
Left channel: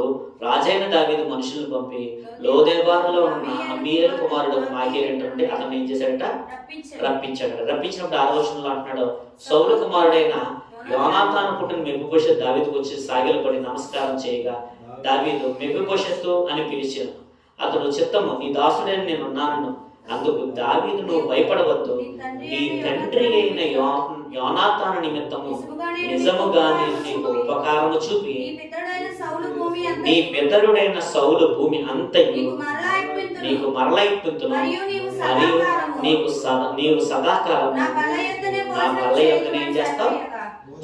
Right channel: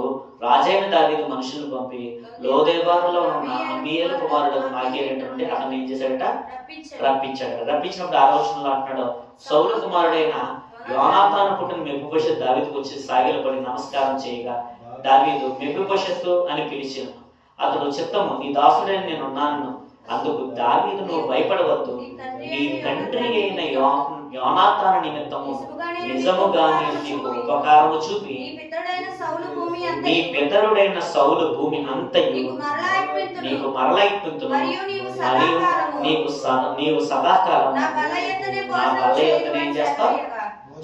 రాజైన దావీదు మనుషులను పంపి లోదేబారులో ఉన్న అమ్మేయుల కుమారుడు మాగేటంటే అతను ఏం చేశాడట? రప్పించాడు. రప్పించినప్పుడు 6వ వచనంలో అంటున్నాడు, సౌలు కుమారుడైన యోనాతాను పుట్టిన మెఫీబోషెతు దావీదుకు వచ్చి సాగిలపడి నమస్కారం చేయగా దావీదు మెఫీబోషెతు అని పిలిచాను. అతడు చిత్తము, నీ దాసుడని నేను ఉన్నాను. అందుకు దావీదు, నువ్వు భయపడవద్దు, నీ తండ్రి అయిన యోనాతాను నిమిత్తము నిజముగా నేను నీకు ఉపకారము చూపి నీ పితరుడైన సౌలు భూమి అంతయు నీకు మరల ఇప్పింతును, మరియు నీవు సదాకాలం నా బల్ల యొద్దనే ఏం చేస్తావు?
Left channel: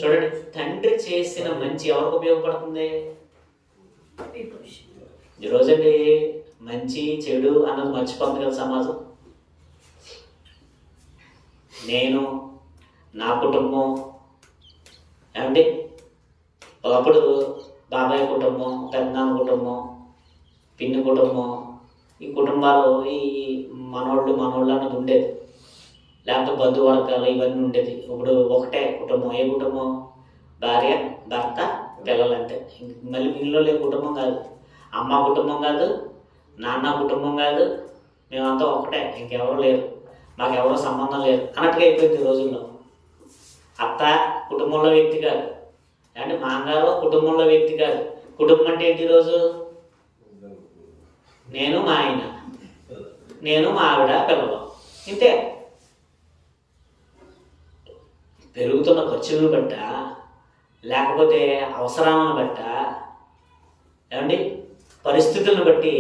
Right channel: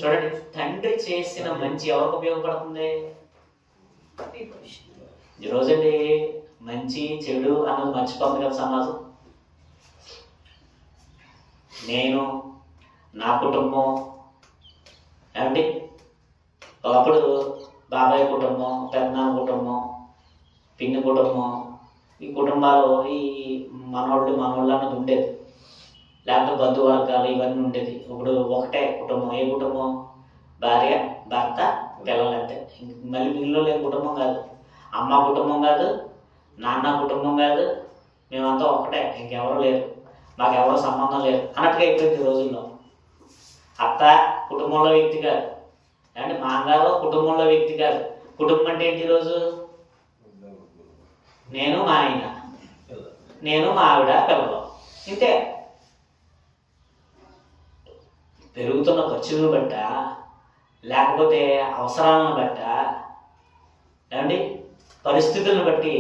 చూడండి, తండ్రి చేసిన మంచి ఎవరికి ఉపయోగపడుతుంది? ఈరోజండి మంచి చెడు అన్నది మర్చిపోతుంది కదా సమాజం. నేను, నా కుటుంబం ఏమండి, ఒకప్పుడు బాబాయ్ కుటుంబం, పెద్దనాన్న కుటుంబం, పిన్ని కుటుంబం, ఈ కుటుంబాలు ఈ మనోళ్ళు అన్నది ఉండేది. లేకపోతే బంధువర్గాలు ఇవన్నీ ఉండేది. ఇప్పుడు ఒకటే కుటుంబం. ఏ కుటుంబం? భార్య, భర్త, పిల్లలంటే. మళ్ళీ వీళ్ళలో లేని కుటుంబం కాదు. అమ్మ కుటుంబం కాదు, నాన్న కుటుంబం కాదు, మేమంతా ఒకటే, ఇంకెవరు లేరు, మాకెవరు సంబంధం లేదు అన్నట్టుగా అయిపోయింది ఈ రోజుల్లో. అత్త కుటుంబంలో వ్యక్తి కాదు, అంటే మాంగారు కుటుంబంలో వ్యక్తి కాదు. కుటుంబం అంటే ఏంటి ఈరోజు? నేను, మా ఆయన, నేను, మా ఆవిడ, పిల్లలు, ఇంతే. పెరుగుతున్న ఖర్చులను బట్ట, లేకపోతే అవసరాలను బట్ట, ఏమండి పరిస్థితులను బట్టి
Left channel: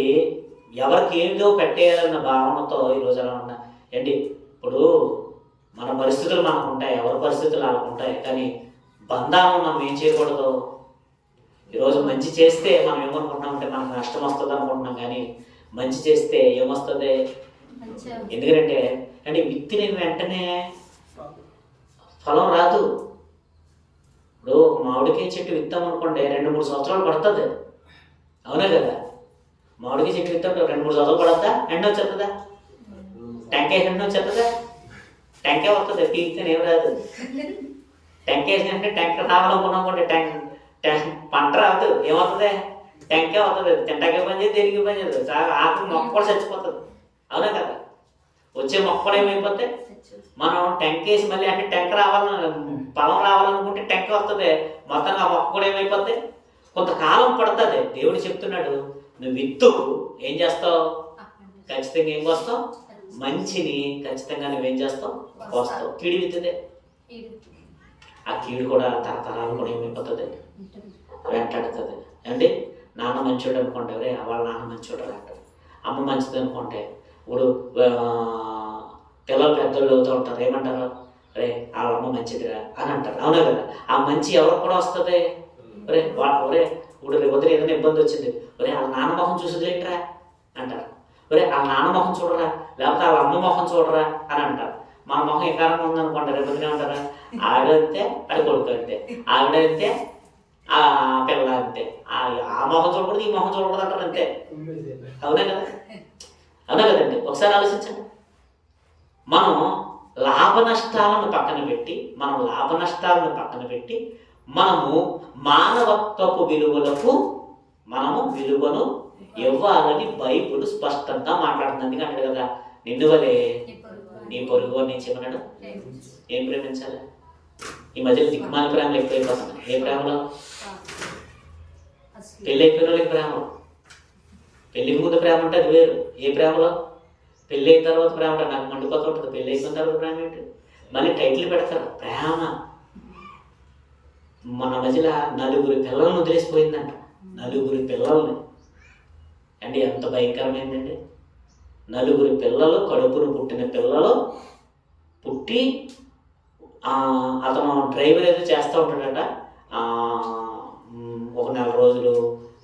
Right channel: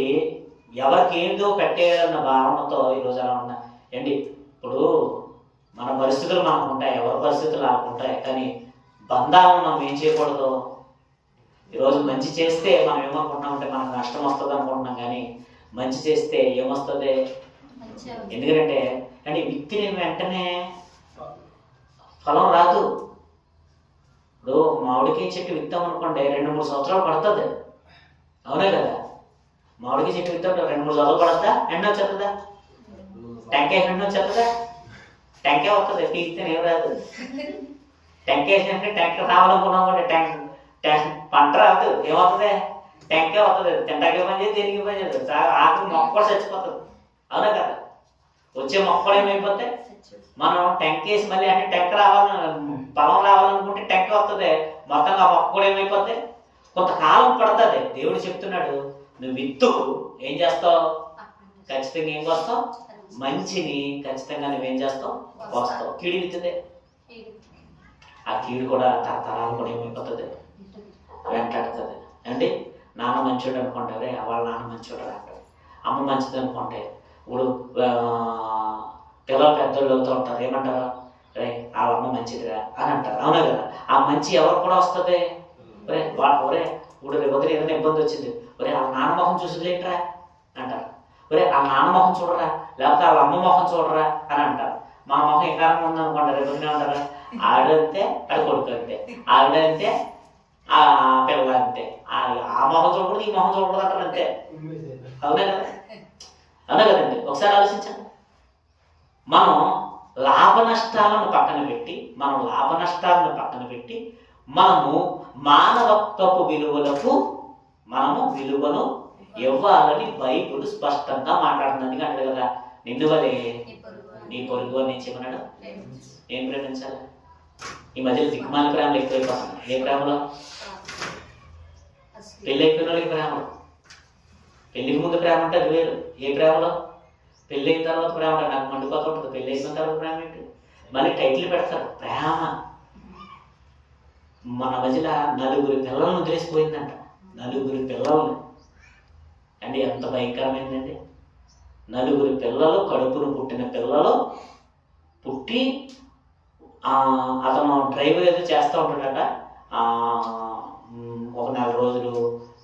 ఎవరికి ఏమిదో పెట్టేయాలన్న భావనతో ఈరోజు అలా ఉన్నా ఏంటి. ఇప్పుడు మన పరిస్థితులు మనకు ఉంటాయి, ఎవరి పరిస్థితులు వాళ్ళకు ఉంటాయి. కానీ బంధాలను మనం ఏం చేయకూడదు. ఈరోజు మంచి చేస్తే మనం ఏమనుకుంటున్నామంటే మనకు నష్టం వస్తుంది అనుకుంటున్నాం. కానీ మంచి చేస్తే ఏమొస్తుంది? ఎందుకంటే అంటే విత్తిన వెంటనే ఫలం రాదు. ఇప్పుడు మామిడికాయ చెట్టు విత్తామనుకోండి 2-3 సంవత్సరాలు పడుతుంది, అవునా కదా? మామిడికాయ చెట్టు విత్తాం 2-3 సంవత్సరాలు పడుతుందా? ఎండ వచ్చేస్తుందా? టెంకాయ ఎండ వచ్చేస్తుందా? టెంకాయ వస్తుంది, పీకితే ఏం రాదు. టెంకాయ వేసినట్టే టెంకాయ రావాలనుకున్నాం, పంట రాదు, ఏమవుతుంది? టెంకాయ వస్తుంది. తింటాకే పని చేసి దేనికి పని చేస్తుంది. ఆకు మొక్క కూడా చచ్చిపోతుంది, అవునా కదా? వచ్చే మొక్క కూడా ఏమైపోతే మనం టెంకేసి మళ్ళీ అంటే టెంక రావాలని పొలం రావాలనుకుంటే టెంక వస్తుంది, మొత్తంగా ఆ మొక్క కూడా ఏమైపోద్ది? కొంతకాలం పడుతుంది. దేవుడు చెప్తున్నాడు, నువ్వు విత్తు ఏం చేస్తావు? ఖచ్చితంగా ఏం వస్తావు? మంచిని ఖచ్చితంగా నువ్వేం చేస్తావు? వస్తావు. కీడి విత్తుదే, ఆ కీడు కూడా తరతరాలు కూడా ఏమైపోతుంది? వెంటాడుతుంది. అంటే నాన్న మంచోడు అనుకోండి, రే వాళ్ళ నాన్న మంచోడు అంటారు. అమ్మ మంచిది అనుకుంటే ఇప్పుడు పిల్లలు పెద్దోళ్ళు అవుతూ ఉంటారు, ఏమంటారు? రే వాళ్ళ అమ్మ మంచిదిరా అని అంటారు, అవునా కదా? ఆ మంచి ఎవరికి కూడా వస్తుంది? ఒరే ఒరే ఇప్పుడు రేపు ఏదైనా ఇబ్బంది వచ్చింది, ఒరే వాళ్ళ నాన్న మొహం చూసులేంట్రా అంటారు. ఒరే వాళ్ళ నాన్న మొహం చూడరా, లేకపోతే వాళ్ళ అమ్మ మొహం చూడరా అని అంటారు. మన మొహం ఎకారంగా ఉందనుకోండి, రేపు ఏమంటారా? ఆవిడ అంతే, ఆడ కొడుకు అంతే, ఆవిడ అంతే, ఆ పిల్ల అంతే, ఆ మొహం చూడకూడదు, ఈ మొహం చూడకూడదు అంటారు, అంతే. అవునా కదా? అవునా కదండి? ఒకసారి ఆలోచించండి. మనం లాభ నష్టాలను పక్కన పెట్టి మనము మానవత్వపు విలువలకు మనము విలువను ఇవ్వాలని బైబిల్ స్పష్టంగా మాట్లాడుతుంది. అంటాడు కదా, నిన్ను వలే నీ పొరుగు నుంచి ఏమన్నాడు? ఏం ప్రేమించాలి? ఈ మధ్యలో దిక్కుమాల ప్రేమలు ఎక్కువైపోతున్నాయి. ఏ ప్రేమలో? పెళ్ళి అయిపోయిన వాళ్ళకి ప్రేమలో. పెళ్ళికి ముందు ప్రేమ అంటే అది వేరు. ఏ ప్రేమలో? పెళ్ళి అయిన తర్వాత ప్రేమ అంటే నాకు మండిపోతూ ఉంటుంది. పెళ్ళి అయిపోయిన తర్వాత ప్రేమ ఏంటి? మళ్ళీ టైటిల్ పెడతారు ప్రేమ. మన మధ్యలో 4 పిల్లలను వదిలేసిపోయిందంట. 4 పిల్లల్ని అండి. ఎంత భయంకరమైందండి. 4 పిల్లలు, కడుపును పుట్టిన పిల్లలు పుట్టి అతను డ్రైవర్ ఏదో చేస్తూ ఉంటాడట. ఒక 4 రోజులు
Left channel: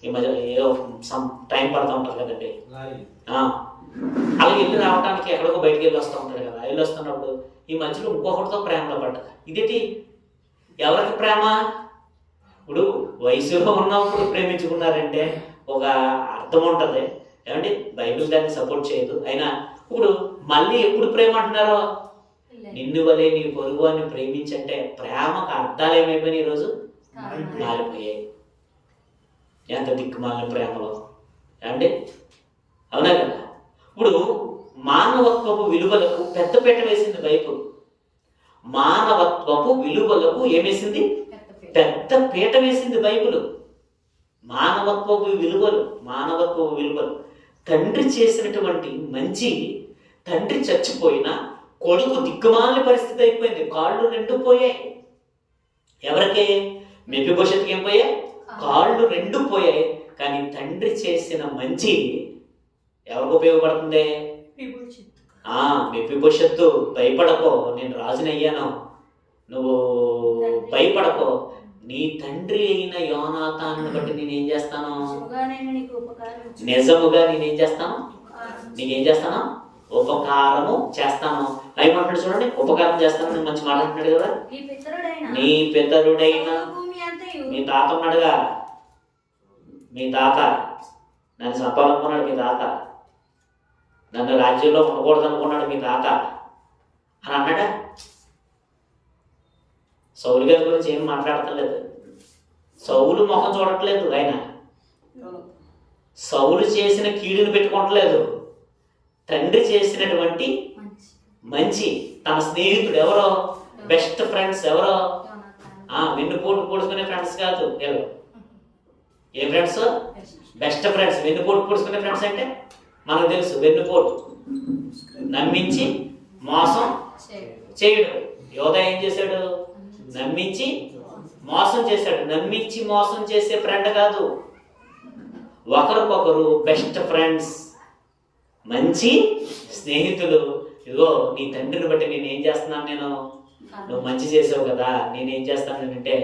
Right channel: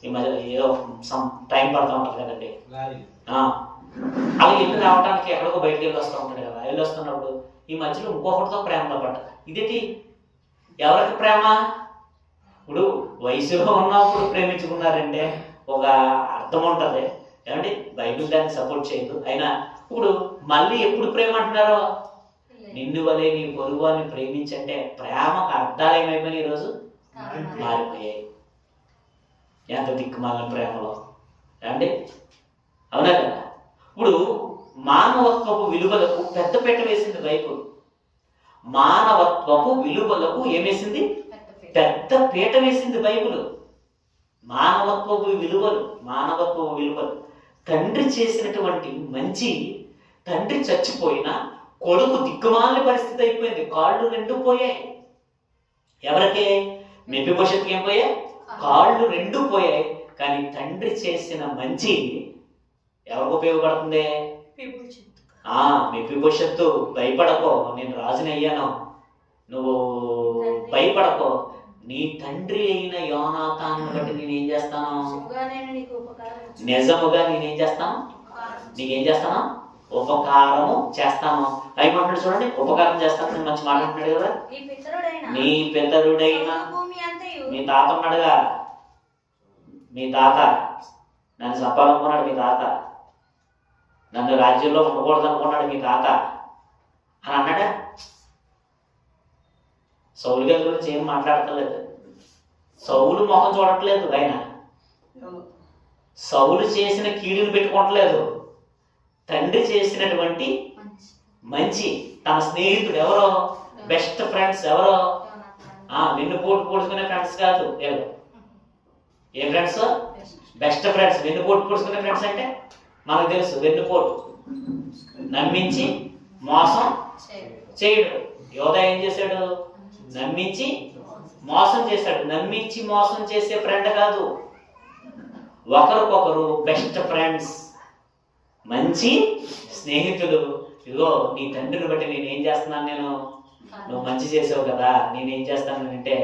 ఈ మధ్య ఏదో సమ్ టైం పడుతూ ఉంటుంది కదండి. అలా వెళ్ళి రావడానికి ఎక్కడికో బయటికి వెళ్ళి వస్తూ ఉంటాడు కదా. వెళ్ళి వస్తున్నప్పుడు ఈ మధ్యలో ఇంకొకటితో ప్రేమలో పడ్డది. ఇదేంటి? ఎవరికి ప్రేమ? ఇప్పుడు వయసులో ఉన్నప్పుడు ప్రేమించుకున్నారంటే ఒక అర్థం ఉంటుంది ఏమండి. బైబిల్ దాన్ని సపోర్ట్ చేయదు. అయినా ఇప్పుడు మళ్ళీ ఎప్పుడు ప్రేమ అంటున్నారో? నిన్ను వలే నీ పొరుగు అని ప్రేమించంటే ప్రేమకు అర్థాలు ఏమైపోయినాయి? ఈరోజు మారిపోయాయి. ఎంత దిక్కుమాలిన ప్రేమలో ఏమండి. అవునా కదా? ఇప్పుడు మానవత్వపు విలువలకు పెద్దపీట వేసింది బైబిల్. మానవత్వపు విలువలకు ఏమేసింది? పెద్ద పీట వేసింది బైబిల్. మానవత్వపు విలువలు. తండ్రి చేసినటువంటి మంచి, తండ్రి చచ్చిపోయిన కొడుకు దిక్కుమాలిన పరిస్థితి అయిపోయింది. కాళ్ళు 2 పోయాయి. ఎవరికే? మెఫీబోషెత్తుకి ఏం పోయాయి? కాళ్ళు 2 పోయాయి. కానీ తండ్రి చేసిన మంచి ఎవరికి ఉపయోగపడుతుంది? మెఫీబోషెత్తు, భయపడకో, నేను రాజుని అయ్యాను, నువ్వు భయపడకో, నీ తండ్రి అయిన యోనాతాను బట్టి నేనేం చేస్తాను? నిజముగా నేనేం చేస్తాను? నీకేం చేస్తాను? ఉపకారము చేస్తాను. ఏమంటాడు చూడండి, ఉపకారం చేస్తాను. నేను మంచి మాట అంటున్నాడు కదా. నీ పితరుడైన మీ తాత ఉన్నాడుగా, మీ తాత నన్ను సంపాదనుకున్నాడు, మీ తాత నన్ను రాజ్యంలో ఉండకూడదు అనుకున్నాడు మీ తాత అని అన్నాడా? సౌలు గారి గురించి ఏం మాట్లాడతలేదు. సౌలు ముఖం చూడట్లేదు. ఆయన సౌలు చేసిన కీడుని పెట్టుకోవట్లేదు. తండ్రి చేసినటువంటి మంచి, తన స్నేహితుడు ఎవరో, బెస్ట్ ఫ్రెండ్స్ ఎవరో, వెన్నుపోటు పొడుచుకునే ఫ్రెండ్స్ కాదు. ఏ ఫ్రెండ్స్? Best friends. వెన్నుపోటు పొడుచుకునే ఫ్రెండ్స్ అంటే మనకు తెలుసు. వెన్నుపోటు, నమ్మించి మోసం చేయడు. యోధ ఏం చేశాడు? నమ్మించి మోసం చేశాడు. నమ్మించి మోసం చేసే ఫ్రెండ్ కాదు. ఒకరికొకరు బెస్ట్ ఫ్రెండ్స్, మంచి స్నేహితులు. ఇదిగో నీ తండ్రిని బట్టి నేనేం చేస్తున్నాను, నేను నువ్వు మంచి చేసావు కదా, నేనేం చేస్తానంటే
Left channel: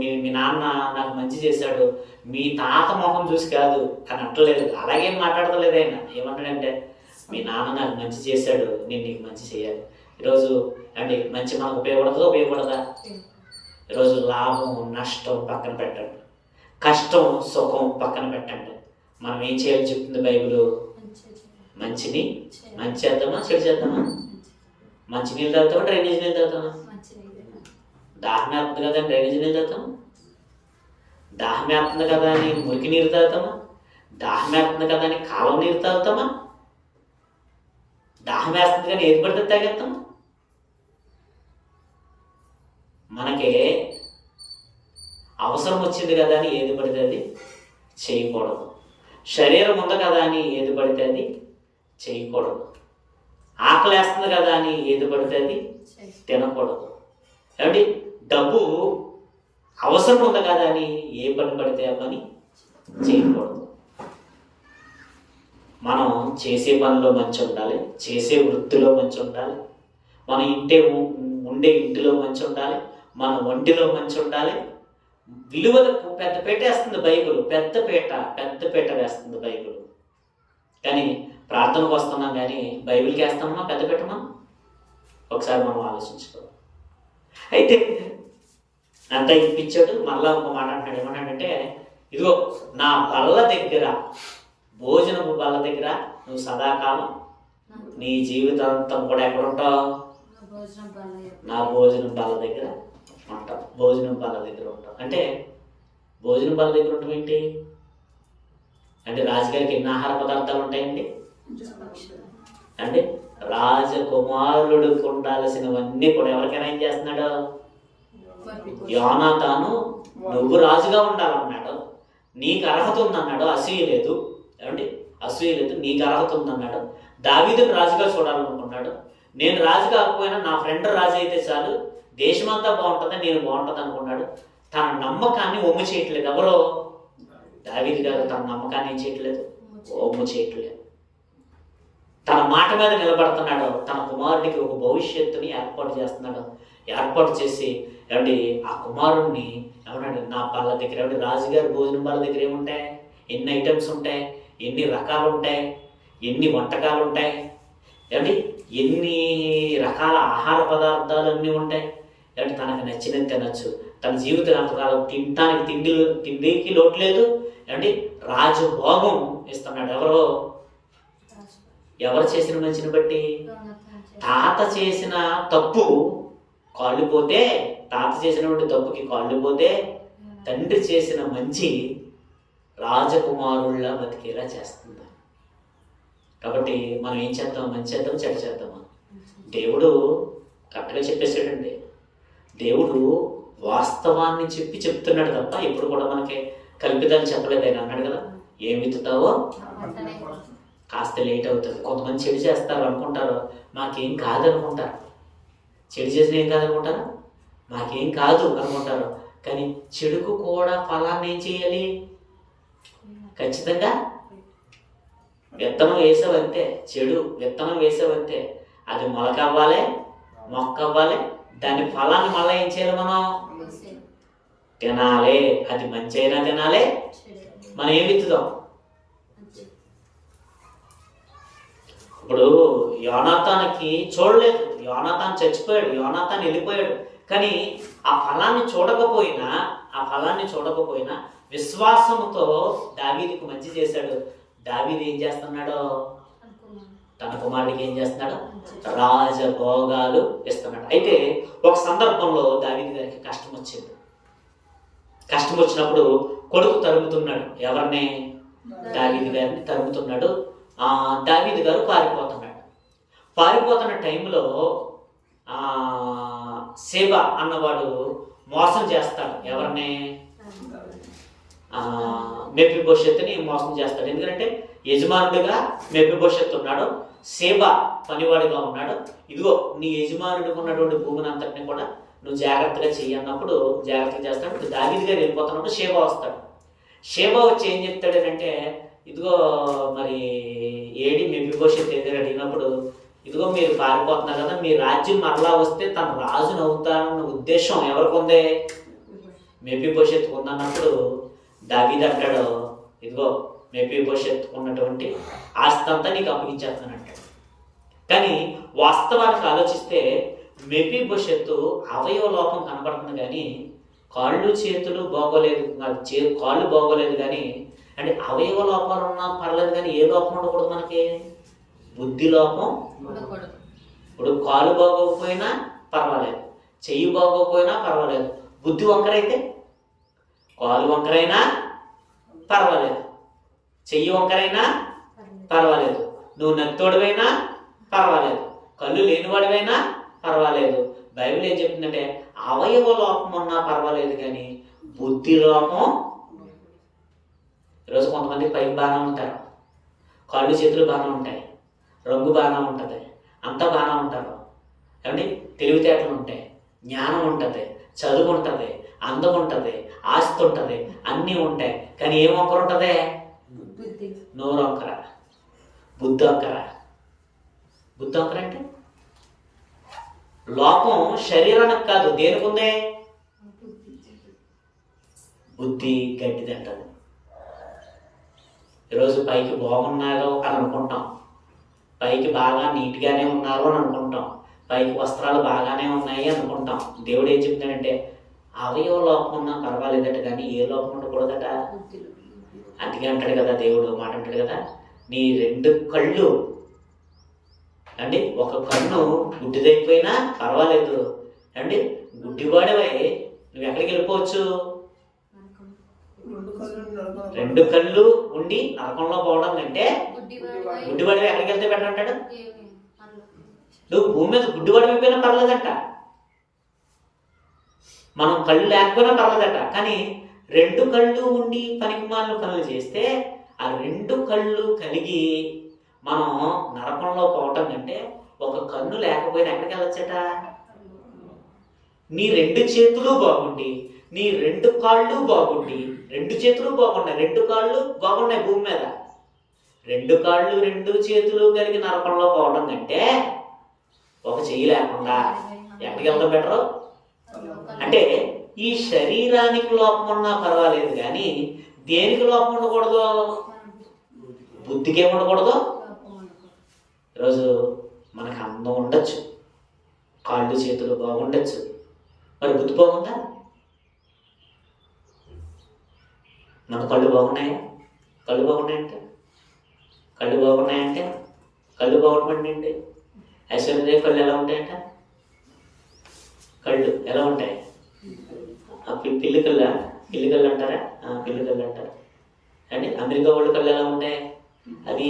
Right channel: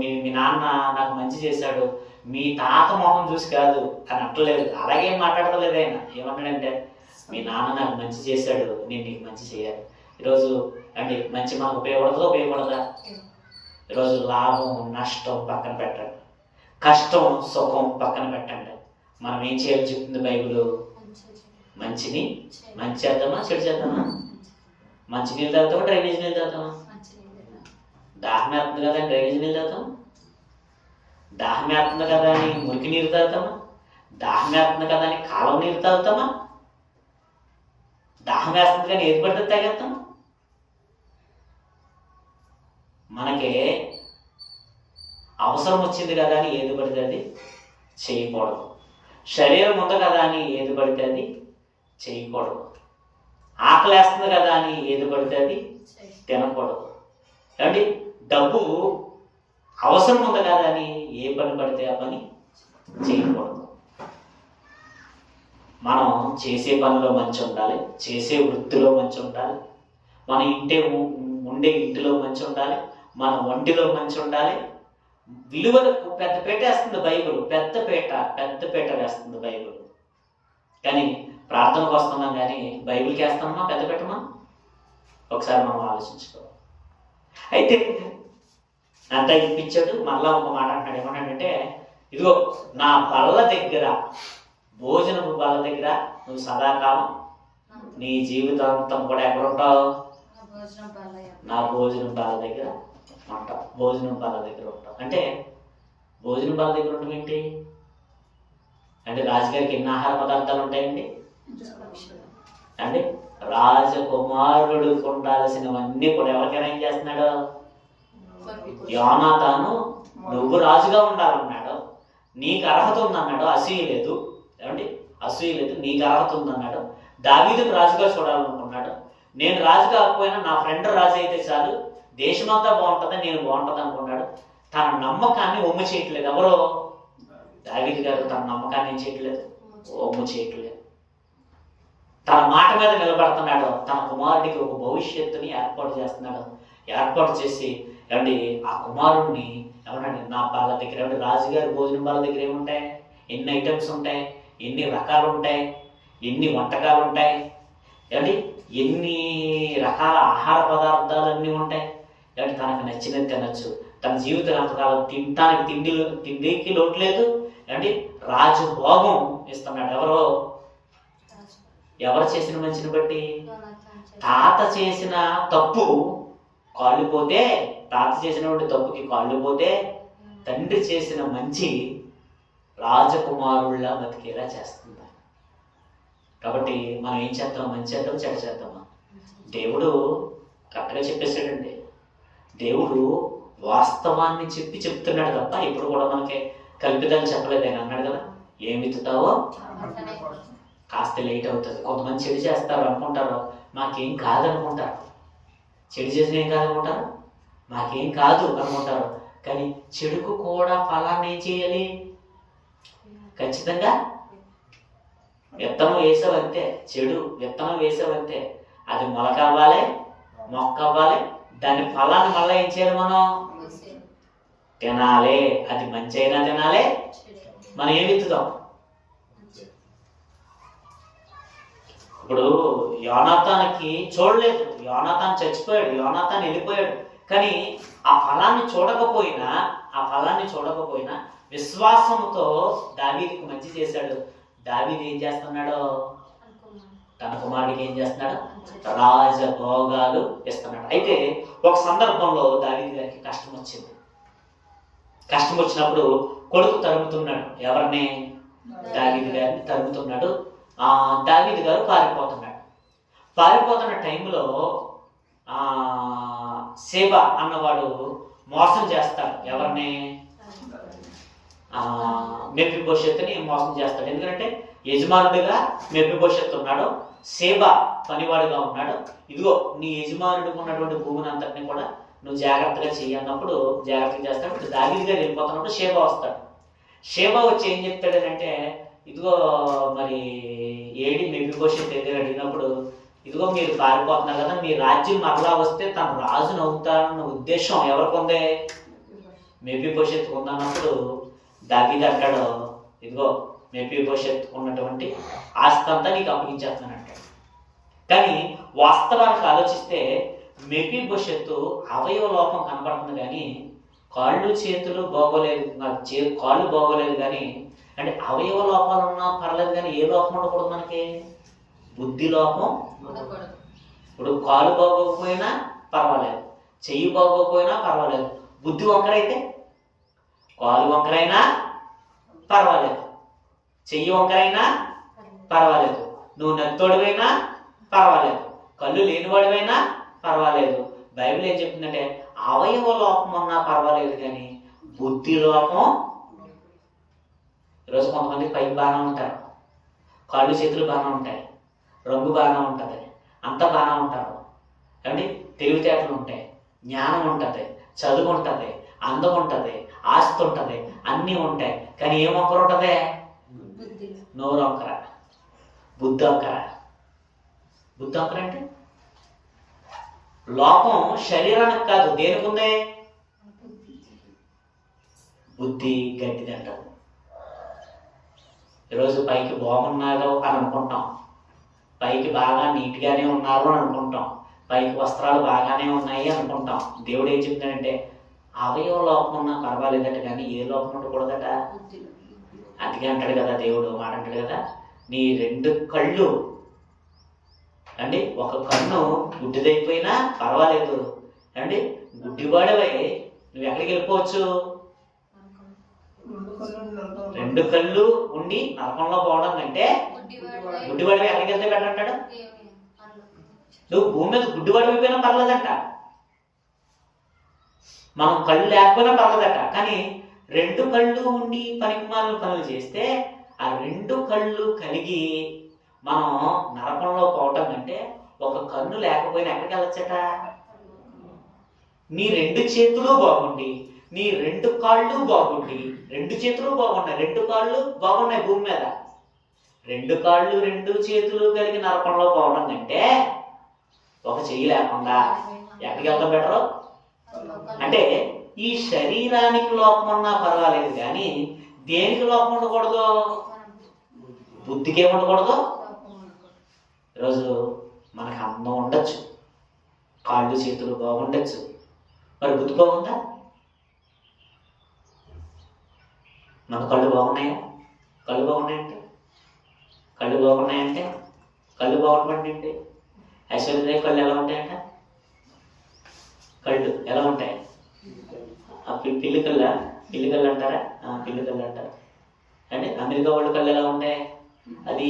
మీ నాన్న నాకు మంచి చేశాడు, మీ తాత మొహం చూసి కాదు అని అంటలేదు. అలాగేం మాట్లాడతలేదు ఆయన. ఏమంటాడంటే మీ నాన్న నాకు మంచి చేశాడు, నేను నీకు మంచి చేయాలి. ఈరోజు అంటే మంచి మనకు ఉపయోగపడదా? ఈరోజు లాభం నష్టం పక్కన పెట్టండి, కష్టం సుఖం పక్కన పెట్టండి. మనం ఏం చేయాలి చెప్తుంది బైబిల్? మంచిని మంచి చేద్దామా, చెడు చేద్దామా? మంచి నీళ్ళు తాగుతామా, డ్రైనేజ్ నీళ్ళు తాగుతామా? దాహం వేస్తుంది కదా డ్రైనేజ్ నీళ్ళు తాగుతామా? దాహం వేస్తుంది కదా అని మురికి నీరు తాగుతామా? దాహం వేస్తుంది కదా అని కాలువ నీరు తాగుతామా? దాహం వేస్తుంది కానీ ఏది పడితే తాగేస్తామా? మనకి అవసరం వచ్చింది కదా అని ఏది పడితే అది చేయకూడదు. శరీరం ఉంది కదా అని ఏది పడితే అది చేయకూడదు. ఆకలి వేస్తుంది కదా అని ఏది పడితే అది తినకూడదు. ఏమండి, డబ్బు అవసరం ఉంది కదా అని ఏ పని పడితే ఆ పని చేయకూడదు. మనం చేసే పనిలో మంచి ఉండాలి, చేసే వృత్తిలో మంచి ఉండాలి, మన ఉండే ఇంటిలో మంచి ఉండాలి, మన ఒంటిలో మంచి ఉండాలి. విలువలకు పెద్ద పీట వేస్తుంది బైబిల్. పెద్ద పీట వేస్తుంది బైబిల్. కానీ ప్రార్థనకు వస్తున్నాం కానీ బైబిల్కి వేస్తామా పెద్ద పీటమా? ఒకసారి మనం ఆలోచించుకోవాలి. అయితే అంతా ఇప్పించాడు. మళ్ళా ఒక మాట అంటాడు. ఏమన్నాడంటే, ఇదిగో నా బల్ల దగ్గర, భోజనపు బల్ల దగ్గర నువ్వు సదాకాలం నీ జీవితాంతం కూడా ఎక్కడ ఉంటావు? నా భోజనం బల్ల దగ్గర ఉంటావు. భోజనం బల్ల దగ్గర ఉంటావు అంటే భోజనం బల్ల దగ్గర ఉంటాం ఏంటి అంటే రాజుగారికి ఎన్ని ఆహార పదార్థాలు ఉంటాయండి? అంటే రాజకుమారుడికి ఉండాల్సినవన్నీ కూడా ఎవరికైనా ఏం చేస్తున్నాడు? యోనాతాను నువ్వు రాజుగా ఉండాలన్నాడు, నీకు అర్హత ఉందన్నాడు, అసూయ లేదు. ఏమండి? అసూయ లేదు, నీకు అర్హత ఉందన్నాడు. దావీదుని రాజుగా చూడాలనుకున్నాడు. నేను రాజు కాకపోయినా నా ఫ్రెండ్ రాజు అయితే చాలు, దేశమంతా బాగుంటుంది, నేను బాగుంటుంది అనుకున్నాడు. తన నమ్మకాన్ని ఒమ్ము చేయట్లేదు. ఎవరో? దావీదు గారు తన నమ్మకాన్ని ఏం చేయట్లేదు, ఒమ్ము చేయట్లేదు. తన మాట మీద నిలబడుతున్నాడు. తన కుమారుడికి ఒక భవిష్యత్తుని ఏర్పాటు చేస్తున్నాడు. ఏర్పాటు చేసి ఏమండి ఆ కుమారుడిని ఏమన్నాడు? నా వాళ్ళ దగ్గర ఏమంటే రాజుగారి భోజనం వాళ్ళ దగ్గర ఏముంటాయి? ఎన్ని ఐటమ్స్ ఉంటాయి, ఎన్ని రకాలు ఉంటాయి, ఎన్ని వంటకాలు ఉంటాయి, ఏమండి ఎన్ని రకాల ఆహార పదార్థాలు అన్నీ ఉంటాయి. ఏమంటే తనకు నచ్చినది తినచ్చు. తన జీవితకాలం తినటానికి తిండికి లోటు లేదు. ఏమండి రాజభోగం ఇస్తున్నాడు. ఎవరు చేసిన మంచిని బట్టి? తాత చేసిన తప్పు కాళ్ళుపోతే, తాత చేసినటువంటి తప్పుకి కాళ్ళుపోతే తండ్రి చేసిన మంచి రాజకుమారుల్లా బతికేలా చేస్తుంది. కాబట్టి మనం ఏం చేద్దాం? మంచి చేద్దాం, చెడ్డ చేద్దామా? దేవుడు కరెక్ట్గా చెప్పేసాడండి. దేవుడు వాస్తవాన్ని చెప్తున్నాడు తప్ప ఎప్పుడు కూడా మనకి కల్పితాన్ని చెప్పలేదు. ఆయన అన్నాడు కదా, ఏం విత్తుతావో కాస్త లేట్ అవుతుంది. కొంతమంది చెడు చేస్తారు అనుకుంటారు, మాకేం కాదనుకుంటారు. చెడు చేసిన ఏం కాదనుకుంటారు, మాకేం కాదు అనుకుంటారు. కానీ చెడుకు కూడా ఫలాన్ని ఏం చేయాలి? ఖచ్చితంగా విత్తనం వేసావంతే, చెడు విత్తనం వేసావంతే, అది మొలకవ్వాలి, మొక్క అవ్వాలి. దాని ఫలాన్ని మళ్ళీ ఏం చేయాలి? మనం తినాలి. అది మంచి అయినా తినాలి. మనం ఏం విత్తుదాం? ఇప్పుడు యోనాతానికి చూడలేదు, యోనాతాన్ చచ్చిపోయాడు, యోనాతాన్ వెళ్ళిపోయాడు. కానీ ఆ ఫలాన్ని చూడకపోయినా విశ్వాసంతో దావీదుకు మంచి చేశాడు. దావీదు ఏం చేస్తున్నాడో తన కుమారుడికి ఏం చేస్తున్నాడు? రాజభోగాలు ఇస్తున్నాడు. అయితే ఒక సందర్భంలో దావీదు గారికి కష్టం వచ్చింది. కష్టం వచ్చినప్పుడు కొడుకు తరుముతున్నాడు. ఎవరిని? దావీదు గారిని తరుముతున్నాడు. దావీదు గారు పారిపోతున్నాడు. పారిపోతున్న టైంలో సేబ అన్నవాడు మోసం చేస్తాడు. ఎవరిని? మెఫీబోషెత్తుని మోసం చేస్తాడు. ఎందుకంటే యజమానుడిగా మెఫీబోషెత్ ఉన్నాడు, సేబ పనివాడిగా ఉన్నాడు. ఇదిగో నీ యజమానుడికి ఉన్నటువంటి భూమిని అంతటిని కూడా నువ్వు జాగ్రత్తగా చెయ్యి అన్నప్పుడు జాగ్రత్తగా చేస్తాడు. ఇప్పుడు దావీదు గారు వెళ్ళిపోతున్నప్పుడు షేబా వస్తాడు. షేబా వచ్చి ఏం చెప్తాడనంటే, ఇదిగో మరి ఏడి మెఫీబోషెత్ ఎదురు అడిగినప్పుడు, ఇదిగో మీరు పారిపోతున్నారు కదా, మీ రాజ్యం మరలా వస్తే తను రాజును అవుతారన్న ఉద్దేశం ఎవరికి ఉంది? మెఫీబోషెత్ ఉందన్నప్పుడు దావీదు అంటాడు, ఇదిగో మెఫీబోషెత్ ఉన్నటువంటి ఆస్తి అంతా నీకు అప్పగించేస్తాను అంటాడు. కానీ వాస్తవానికి ఆలోచిస్తే మెఫీబోషెత్ అవయవ లోపం కనబడుతుంది, కానీ కాళ్ళు చేతులు బాగోలేదు, కాళ్ళు బాగోలేదు. కానీ అంటే అవయవ లోపాలు ఉన్నా పర్లేదు, కానీ ఏ లోపం ఉండకూడదు మనకి? బుద్ధి లోపం. ఇప్పుడు కాలు బాగోకపోయినా పర్వాలేదు, చెయ్యి బాగోకపోయినా పర్వాలేదు, బుద్ధి వంకరైతే కాలు వంకరైనా పర్వాలేదు, చెయ్యి వంకరైనా పర్వాలేదు, నువ్వు నెత్తోడివైనా పర్వాలేదు, కళ్ళు లేనివాడివైనా పర్వాలేదు. బైబిల్ ఏం చెప్తుందంటే అవయవ లోపం ఉన్నా పర్వాలేదు, కానీ బుద్ధి లోపం. ఈరోజు కొంతమంది పైకి బాగానే ఉంటారు, కాళ్ళు చేతులు బాగానే ఉంటాయి, రంగు బాగానే ఉంటుంది, అంతా బాగానే ఉంటారు. ఏమండి తెలివితేటలు ఉంటాయి, జ్ఞానం ఉంటుంది, చదువు ఉంటుంది, అందం ఉంటుంది, ఆస్తి ఉంటుంది, అన్నీ ఉంటాయి. కానీ ఏం వంకర ఉంటుంది? నోరు వంకర, బుద్ధి వంకర. బుద్ధి వంకర అంటే లోపం శరీరానికి కాదు, దేనికి ఉంది? బుద్ధి గట్టిది అంటారు. ఈరోజు పైకి బాగున్నారు అని అనుకుంటాం, పైకి బాగా నీట్గానే ఉన్నారు అని అనుకుంటాం, పైకి వస్త్రాలు బాగానే ఉన్నాయి అనుకుంటాం. దేవుడు ఏం చెప్తాడంటే అవయవ లోపం ఉన్నా పర్వాలేదట, కానీ ఏ లోపం ఉండకూడదట. అందుకే అంటాడు కదా దేవుడు, మాట అంటాడు కదా, నీ 2 కళ్ళు అండి, ఒక కన్ను గుడ్డిదైపోయినా పర్వాలేదు అండి, గుడ్డివాడవై నువ్వు ఎక్కడికి వెళ్ళిపోవచ్చు? 2 కళ్ళు ఉండి నరకంలో పోవడం కంటే గుడ్డివాడివి ఎక్కడికి వెళ్తే బెటర్ అంటాడు? నువ్వు భూమి మీద గుడ్డివాడు అయిపోయినా పర్లేదంట, మనం కళ్ళు లేకపోయినా పర్లేదట. కానీ 2 కళ్ళు ఉండి పనికిమాలిన పనులు చేస్తే ఆ 2 కళ్ళు కలిగి మనం నరకంలో పోవటం కంటే ఒక కన్ను లేకపోయినా ఎక్కడికి వెళ్ళొచ్చట? నీ 2 చేతులు బాగుండి, నీ 2 కాళ్ళు బాగుండి, 2 చేతులు బాగున్నాయి, 2 కాళ్ళు బాగున్నాయి భూమి మీద, 2 కాళ్ళు 2 చేతులు కలిగి నరకంలో పోవడం కంటే ఒక చెయ్యి లేకుండా ఎక్కడికి వెళ్తాం బెటరు? అంటే ఈ శరీరానికి లోపం ఉన్నా పర్వాలేదు, కానీ దేనికి లోపం ఉండకూడదు? బుద్ధికి ఉండకూడదు. ఈరోజు మనకు అందం ఉండొచ్చు, కాళ్ళు చేతులు బాగుండొచ్చు, మరి బుద్ధి బాగుందా? మన కళ్ళు బాగున్నాయా? కళ్ళు బాగున్నాయంటే కళ్ళు బాగుంటుందండి. ఐశ్వర్య కళ్ళు ఎలా ఉంటాయంట? కళ్ళు ఎలా ఉంటాయి? పిల్లి కళ్ళు అంటారా? పిల్లి కళ్ళు అంటారు అండి. అమెరికా వాళ్ళ కళ్ళు ఎలా ఉంటాయి? అది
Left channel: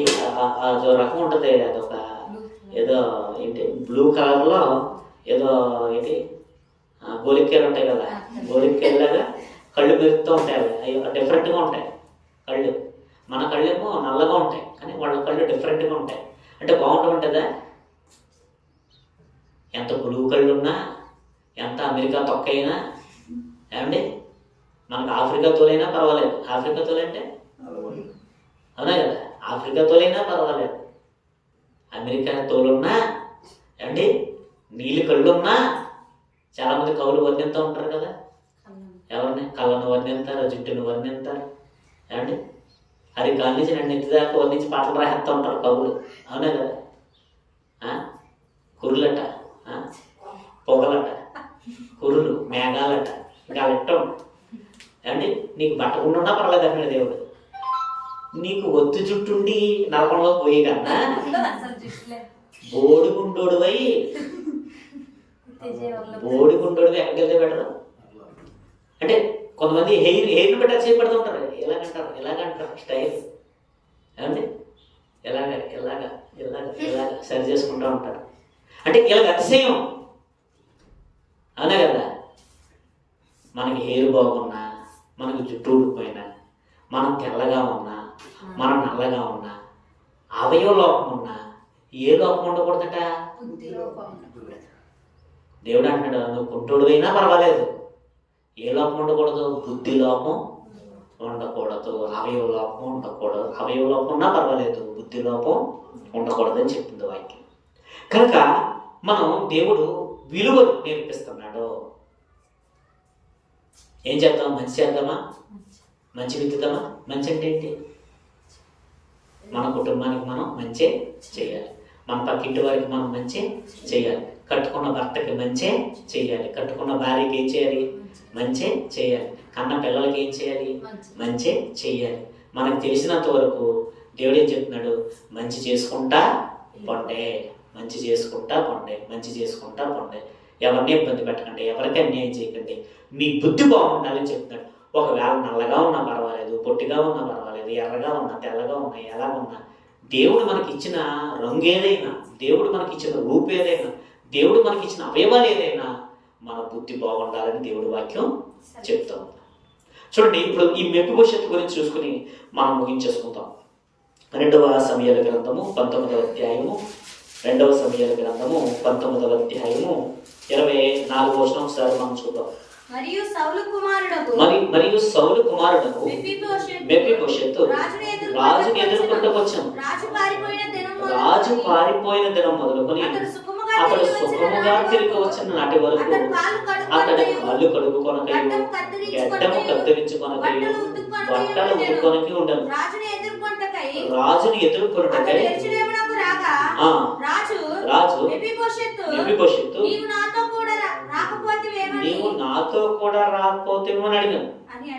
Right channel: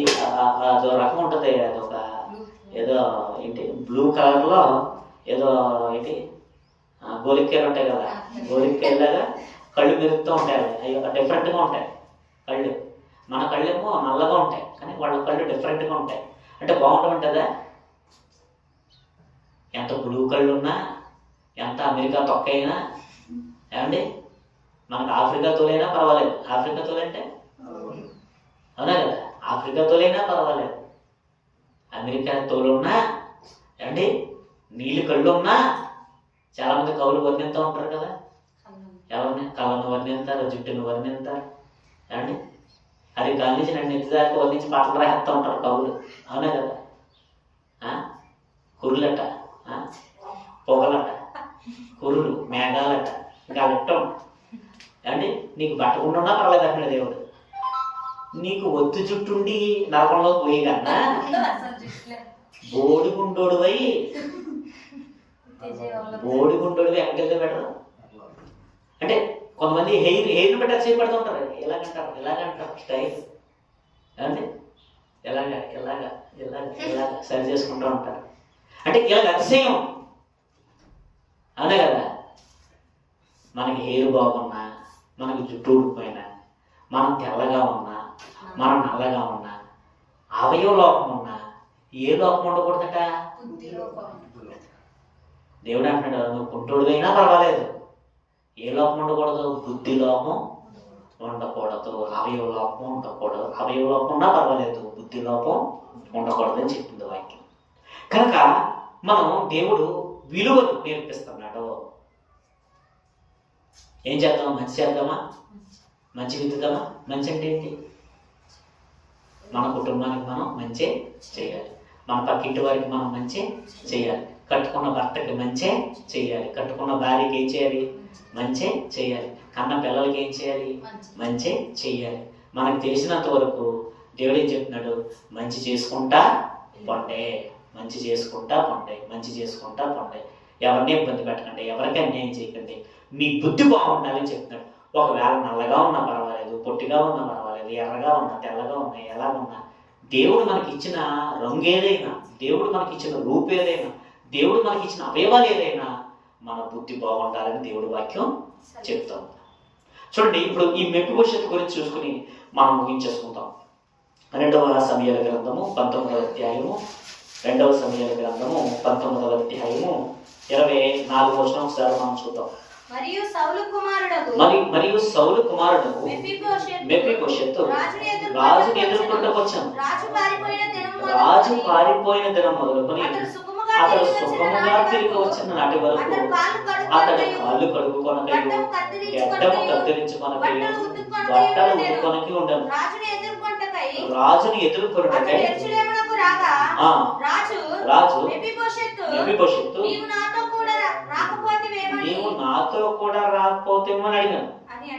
అదో రకం ఉంటుంది, అదొక ఏదో ఏంటి బ్లూ కలర్లో ఏదో ఏంటి గోలిక్కాయలు ఉంటాయి కదా, గోలిక్కాయలాగా కళ్ళు మెరుస్తూ ఉంటాయి. అవి డిఫరెంట్గా ఉంటాయి కళ్ళు. మన కళ్ళేమో నల్లగా ఉంటాయి, కానీ వాళ్ళ కళ్ళు డిఫరెంట్గా ఉంటాయి. అంటే బాగుంటుందా? ఎంత బ్లూ కళ్ళు ఉన్నా, ఎంత అమెరికా తొక్కైనా, ఏమండి మనకు ఆఫ్రికా తోలైనా పర్వాలేదు. ఆఫ్రికా తోలంటే అవునా కదా, ఆఫ్రికా తోలైనా పర్వాలేదు. అమెరికా తోలున్నా, ఏమండి నీళ్ళు కళ్ళు ఉన్నా, చాలామంది కవులు వర్ణిస్తూ ఉంటారు కదా, ఎవరిని కళ్ళను వర్ణిస్తారు, జుట్టును వర్ణిస్తారు, ఏమండి అది కాళ్ళ నుంచి నన్ను ఎత్తి దాకా వర్ణించి పాటలు రాసేస్తూ ఉంటారు కవులు, అవునా కదా. కురులట, పొగలట, కురులు, మేఘాలట, ఇంకా లెట్టం. ఏమండి నీకు బట్టకుండా పర్లేదు అక్కడ దేవుడు, నీకు ఒత్తు జుట్టుండి నరకంలో పోయి కన్నా బోడిగుండోడువై ఎక్కడికి వెళ్తే బెటర్? అంటే కొంతమంది హెయిర్ బెటర్ చేయబడుతూ ఉంటారు, ఎలాగంటారు స్టైల్, ఏమండి ఎలాగా సరి చేసుకుంటూ ఉంటారు. అంటే ఇలాగ అతిశయం, అవునా కదా. మనకి హెయిర్ బాగున్నా, మనకి జుట్టు ఊడిపోయినా, మనం తెల్లగా ఉన్నా, మనం నల్లగా ఉన్నా, అవయవ లోపం ఉన్నా, ఏ లోపం ఉండకూడదట? దేవుడు అంటాడు, నువ్వు కుంటుడువైనా పర్వాలేదు, ఏ లోపం ఉండకూడదు? బుద్ధి లోపం ఉండకూడదు, అవయవ లోపం ఉండకూడదు. అవయవ లోపం ఉన్నా పర్వాలేదు, బుద్ధి లోపం ఉండకూడదు అని చెప్పింది వాక్యం. కనుక మనం దేవుడు విలువలు నేర్పిస్తున్నాడు. ఏం చేద్దాం? మంచి చేద్దామా? మంచి విద్దుదామా? మంచి అంటే ఏంటి? మన కుటుంబానికి మనం మంచి చేయాలి, మన పక్కింటి వారికి మనం మంచి చేయాలి, కట్టుకున్న భర్తకి మంచి చేయాలి, కట్టుకున్న భార్యకి ఏం చేయాలి? మంచి చేయాలి, కన్న పిల్లలకి ఏం చేయాలి? మంచి చేయాలి. మనకు తెలిసినంత వరకు దేవుడు ఏం చెప్తున్నాడు? మంచి చేసుకుంటా పొండే, మంచి చేసుకుంటా పొండే, మంచి చేసుకుంటా పొండే. ఎవరిని ఇబ్బంది పెట్టకండి, ఎవరికి అన్యాయం చేయకండి, మీ బుద్ధి బాగుండాలని చెప్తున్నాడు. ఒకవేళ నల్లగా ఉన్నా పర్వాలేదు, పొట్టిగా ఉన్నా పర్వాలేదు, ఎర్రగా ఉన్నా, తెల్లగా ఉన్నా, ఎలా ఉన్నా, దేవుడు మనకి ఇచ్చిన రంగు ఏదైనా, దేవుడు మనకి ఇచ్చిన రూపు ఏదైనా, దేవుడు మనకి ఇచ్చిన అవయవాలు ఏదైనా, మన బుద్ధి బాగుండాలని దేవుడి వాక్యం చెప్తాం. చూడండి, ఇప్పుడు ఈ మెఫీబోషెతు గురించి చూసుకుని మనం ముగించేసుకుంటాం. 2వ సమూయేలు గ్రంథము 19వ అధ్యాయము, 2వ సమూయేలు గ్రంథము 19వ అధ్యాయము 24వ వచనం ఒకసారి మనం చూద్దాం. మరియు సౌలు కుమారుడకు మెఫీబోషెతు రాజుని ఎదుర్కొంటకు వచ్చాను. రాజు పారిపోయిన దినం మొదలుకొని అతడు సుఖముగా తిరిగి వచ్చిన నాటి వరకు అతడి కాళ్ళు కడుగుకొనకయు, గడ్డము కత్తిరించుకొనకయు, బట్టలు ఉతుకొనకి ఉండను. రాజుని ఎదుర్కొనుటకై రాజు మెఫీబోషెతు నీవు నాతో కూడా రాకపోతేమో అని అడిగాను.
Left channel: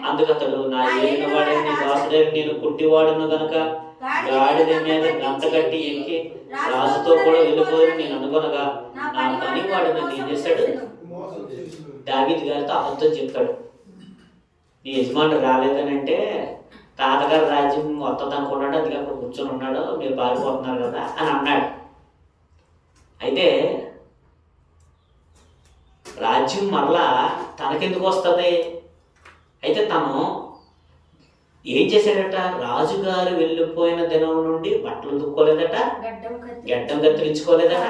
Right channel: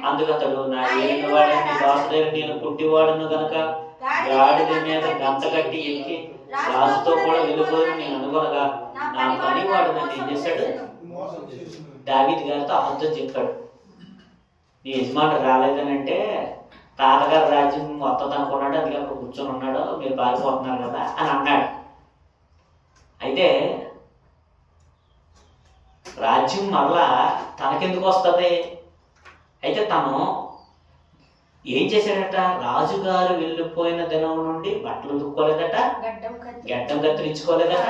అందుకతడు, నా ఏలిన వాడే నీ దాసుడైన నేను కుంటివాడును గనక గాడిద మీద గంట కట్టి ఎక్కి రాజుతో కూడా వెళ్ళిపోయి నేను అనుకొనగా నా పనివాడు నన్ను ఏం చేశాడు? దావీదు గారితో అబద్ధం చెప్పాడు. నీ యజమానుడు రాలేదని అంటే తాతగారు రాజ్యం వస్తుంది అనుకున్నాడు, అది అక్కడ కూర్చొని ఉన్నాడు, మీరు పారిపోతున్నారు కదా అని అన్నాడు. అయితే రాజ్యం మరలా తనకెందుకు వస్తుంది? అయితే తను ఏం చేశాడట? రాజుగారు వెళ్ళిపోయిన దినం నుండి బట్టలు దుక్కోలేదట, గడ్డం కత్తిరించుకోలేదట.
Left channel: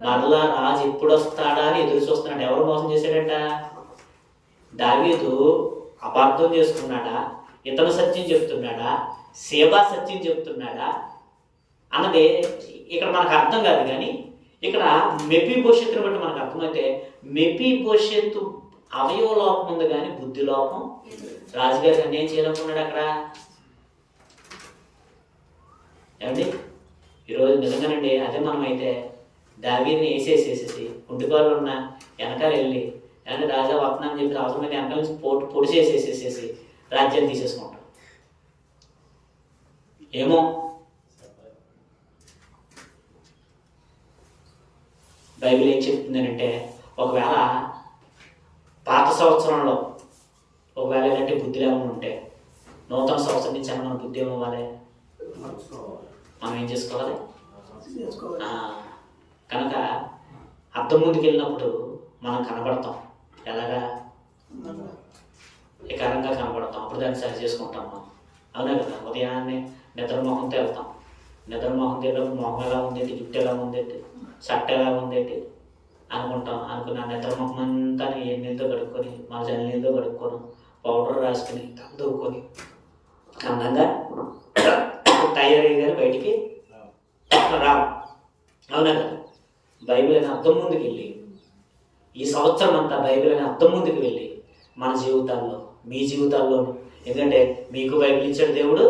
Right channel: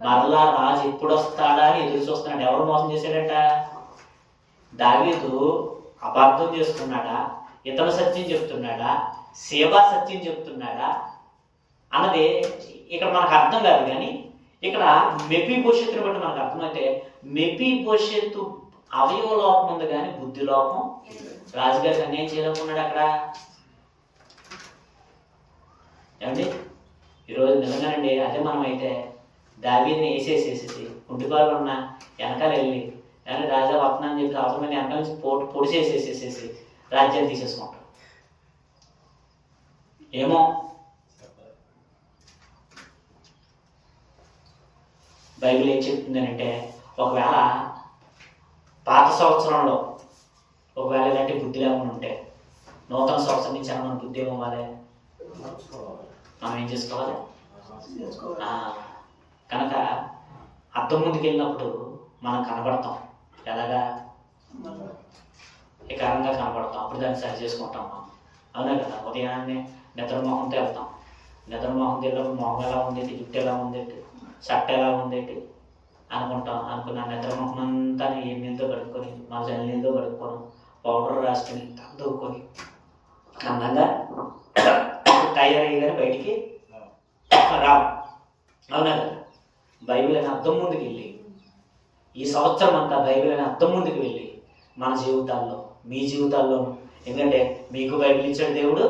మరలా రాజు ఎప్పుడు వస్తాడా అని ఎదురు చూస్తున్నాడు. ఎవరు మోసం చేశాడట? దావీదు అపార్థం చేసుకున్నాడా, ఇతను సత్యం చెప్తున్నాడా, సేబా సత్యం చెప్తున్నాడా అన్నది ఇక్కడ మనకు అర్థం కాదు. కానీ ఇక్కడ మెఫీబోషెతుని బట్టి మనకు అర్థమైతే మెఫీబోషెతు అవయవ లోపం ఉంది కానీ బుద్ధి లోపం. రాజుగారికి అన్యాయం చేయాలనుకున్నాడు అక్కడ. ఏమండి ఈరోజు నిజంగానండి అదే మనమైతే దావీదుని వేసేసేసేసి కుంటిపాలు ఉన్న వెనకాల వెళ్ళి కానీ రాజా వస్తున్నా అని చెప్పి అవసరమైన వెనకాల నుంచి పొడి చేసేసేసేసి రాజ్యాన్ని తీసేసుకుంటాం. ఏమో బైబిల్ ఏం చెప్తుంది అంటే ఒకవేళ పాత సంవత్సరంలో ఒకవేళ ఇలాంటి బుద్ధి లేకుండా ఉంటే నూతన సంవత్సరం నుంచి మనం బుద్ధి ఏమవ్వాలి? మనం ఏం చేసుకోవాలి? కనుక అద్దం ముందుకు వెళ్ళినప్పుడు మనం కనబడతాం. ఎలాగా? వికారంగా కనబడతాం. అప్పుడు దాన్ని సరి చేసుకుంటాం మనం. అవునా కదా? ఉదయాన్నే నిద్రమోహంతో వెళ్తాం. నిద్రమోహంతో వెళ్ళినప్పుడు మొహం ఎలా ఉందేంటి, జుట్టు ఎలా ఉందేంటి, షర్ట్ ఎలా ఉందేంటి అనుకుంటాం. అనుకుని ఆ నిద్రమోహం అంతా ఏ నీళ్ళతో కడుక్కొని మన జల్లి నీళ్ళతో కడుక్కొని పౌడర్ రాసుకొని దూకొని అందంగా తయారయ్యి బయటికి రావు. అవునా కదా? బైబిల్ అనే అర్థం ముందుకు వెళ్ళి ఈ సంవత్సరం అంతా బైబిల్ అనే అర్థం ముందుకు వెళ్ళి మన జీవితాల్లో, మీ జీవితాల్లో, ఎందుకంటే మీకు బైబిల్ ఇచ్చాడు దేవుడు,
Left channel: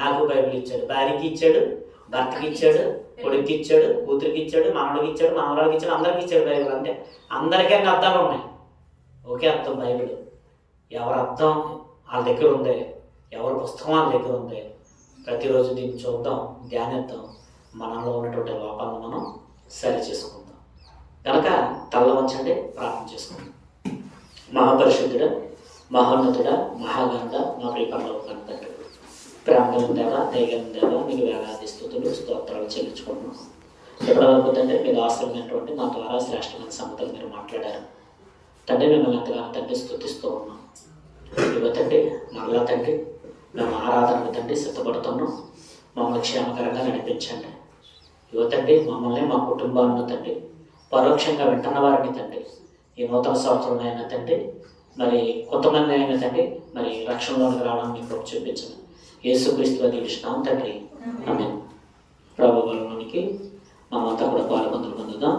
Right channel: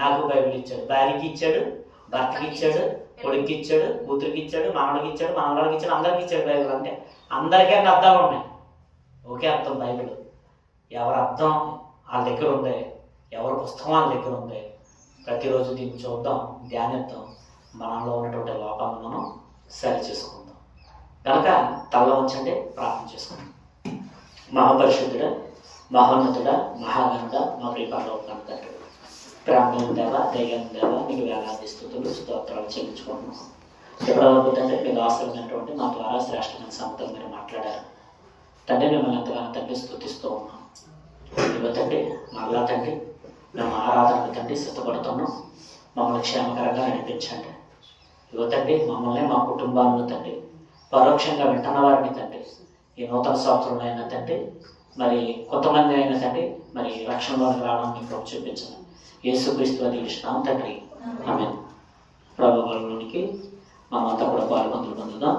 నాకు బైబిల్ ఇచ్చాడు, భార్యకి ఇచ్చాడు, భర్తకి ఇచ్చాడు, కొడుక్కి ఇచ్చాడు, కూతురికి ఇచ్చాడు, మనవడికి ఇచ్చాడు, మనవడికి ఇచ్చాడు, అందరికి ఇచ్చాడు బైబిల్. అంటే అందరికీ అన్ని అర్థాలు ఉన్నాయి. ఒకే అర్థం బైబిల్. ఎవరి అర్థం వాళ్ళ దగ్గర ఉంది, ఎవరి పుస్తకం వాళ్ళ దగ్గర ఉంది. ప్రతిరోజు దీన్ని చూద్దాం, ధ్యానిద్దాం, మనలో ఉన్నటువంటి లోపాలను మనం సరి చేసుకుందాం. కనుక తల వంచండి, ప్రార్థన చేసుకుందాం. మహాపరిశుద్ధుడ, మహోన్నతుడ, మహాగంధ, మా ప్రియపరలోకం తండ్రి, ప్రేమగల దేవ, దయగల దేవ, మీకు వేలాది స్తుతులు స్తోత్రాలు చెల్లించుకుంటున్నాం. ఇప్పటివరకు తండ్రి మీరు ఆశ్రమైనటువంటి మా ద్వారా శ్రేష్టమైన సంగతులు మీరు మాట్లాడారు తండ్రి. మిమ్మల్ని ఎంతగానో తండ్రి స్తుతిస్తూ ఉన్నాం. ఇవ్వ తండ్రి మరలా తండ్రి మేము ఆరాధనకు తండ్రి సిద్ధపడుతున్నాం. మమ్మల్ని క్షేమకరంగా నడిపించండి. ఇవ్వ తండ్రి మమ్మల్ని, మా కుటుంబాలను తండ్రి, పరోక్షంగా వింటున్న వారిని తండ్రి ఈ నూతన సంవత్సరంలో అయినా తండ్రి మరి కొంతమంది అయినా తండ్రి మరి రక్షణలోకి రావడం మీకు చూపించండి. యేసుక్రీస్తు వారి ఇష్టం తండ్రి. ఆమేన్. ప్రభు వారికి మనమంతా కూడా పాల్గొందుదాం.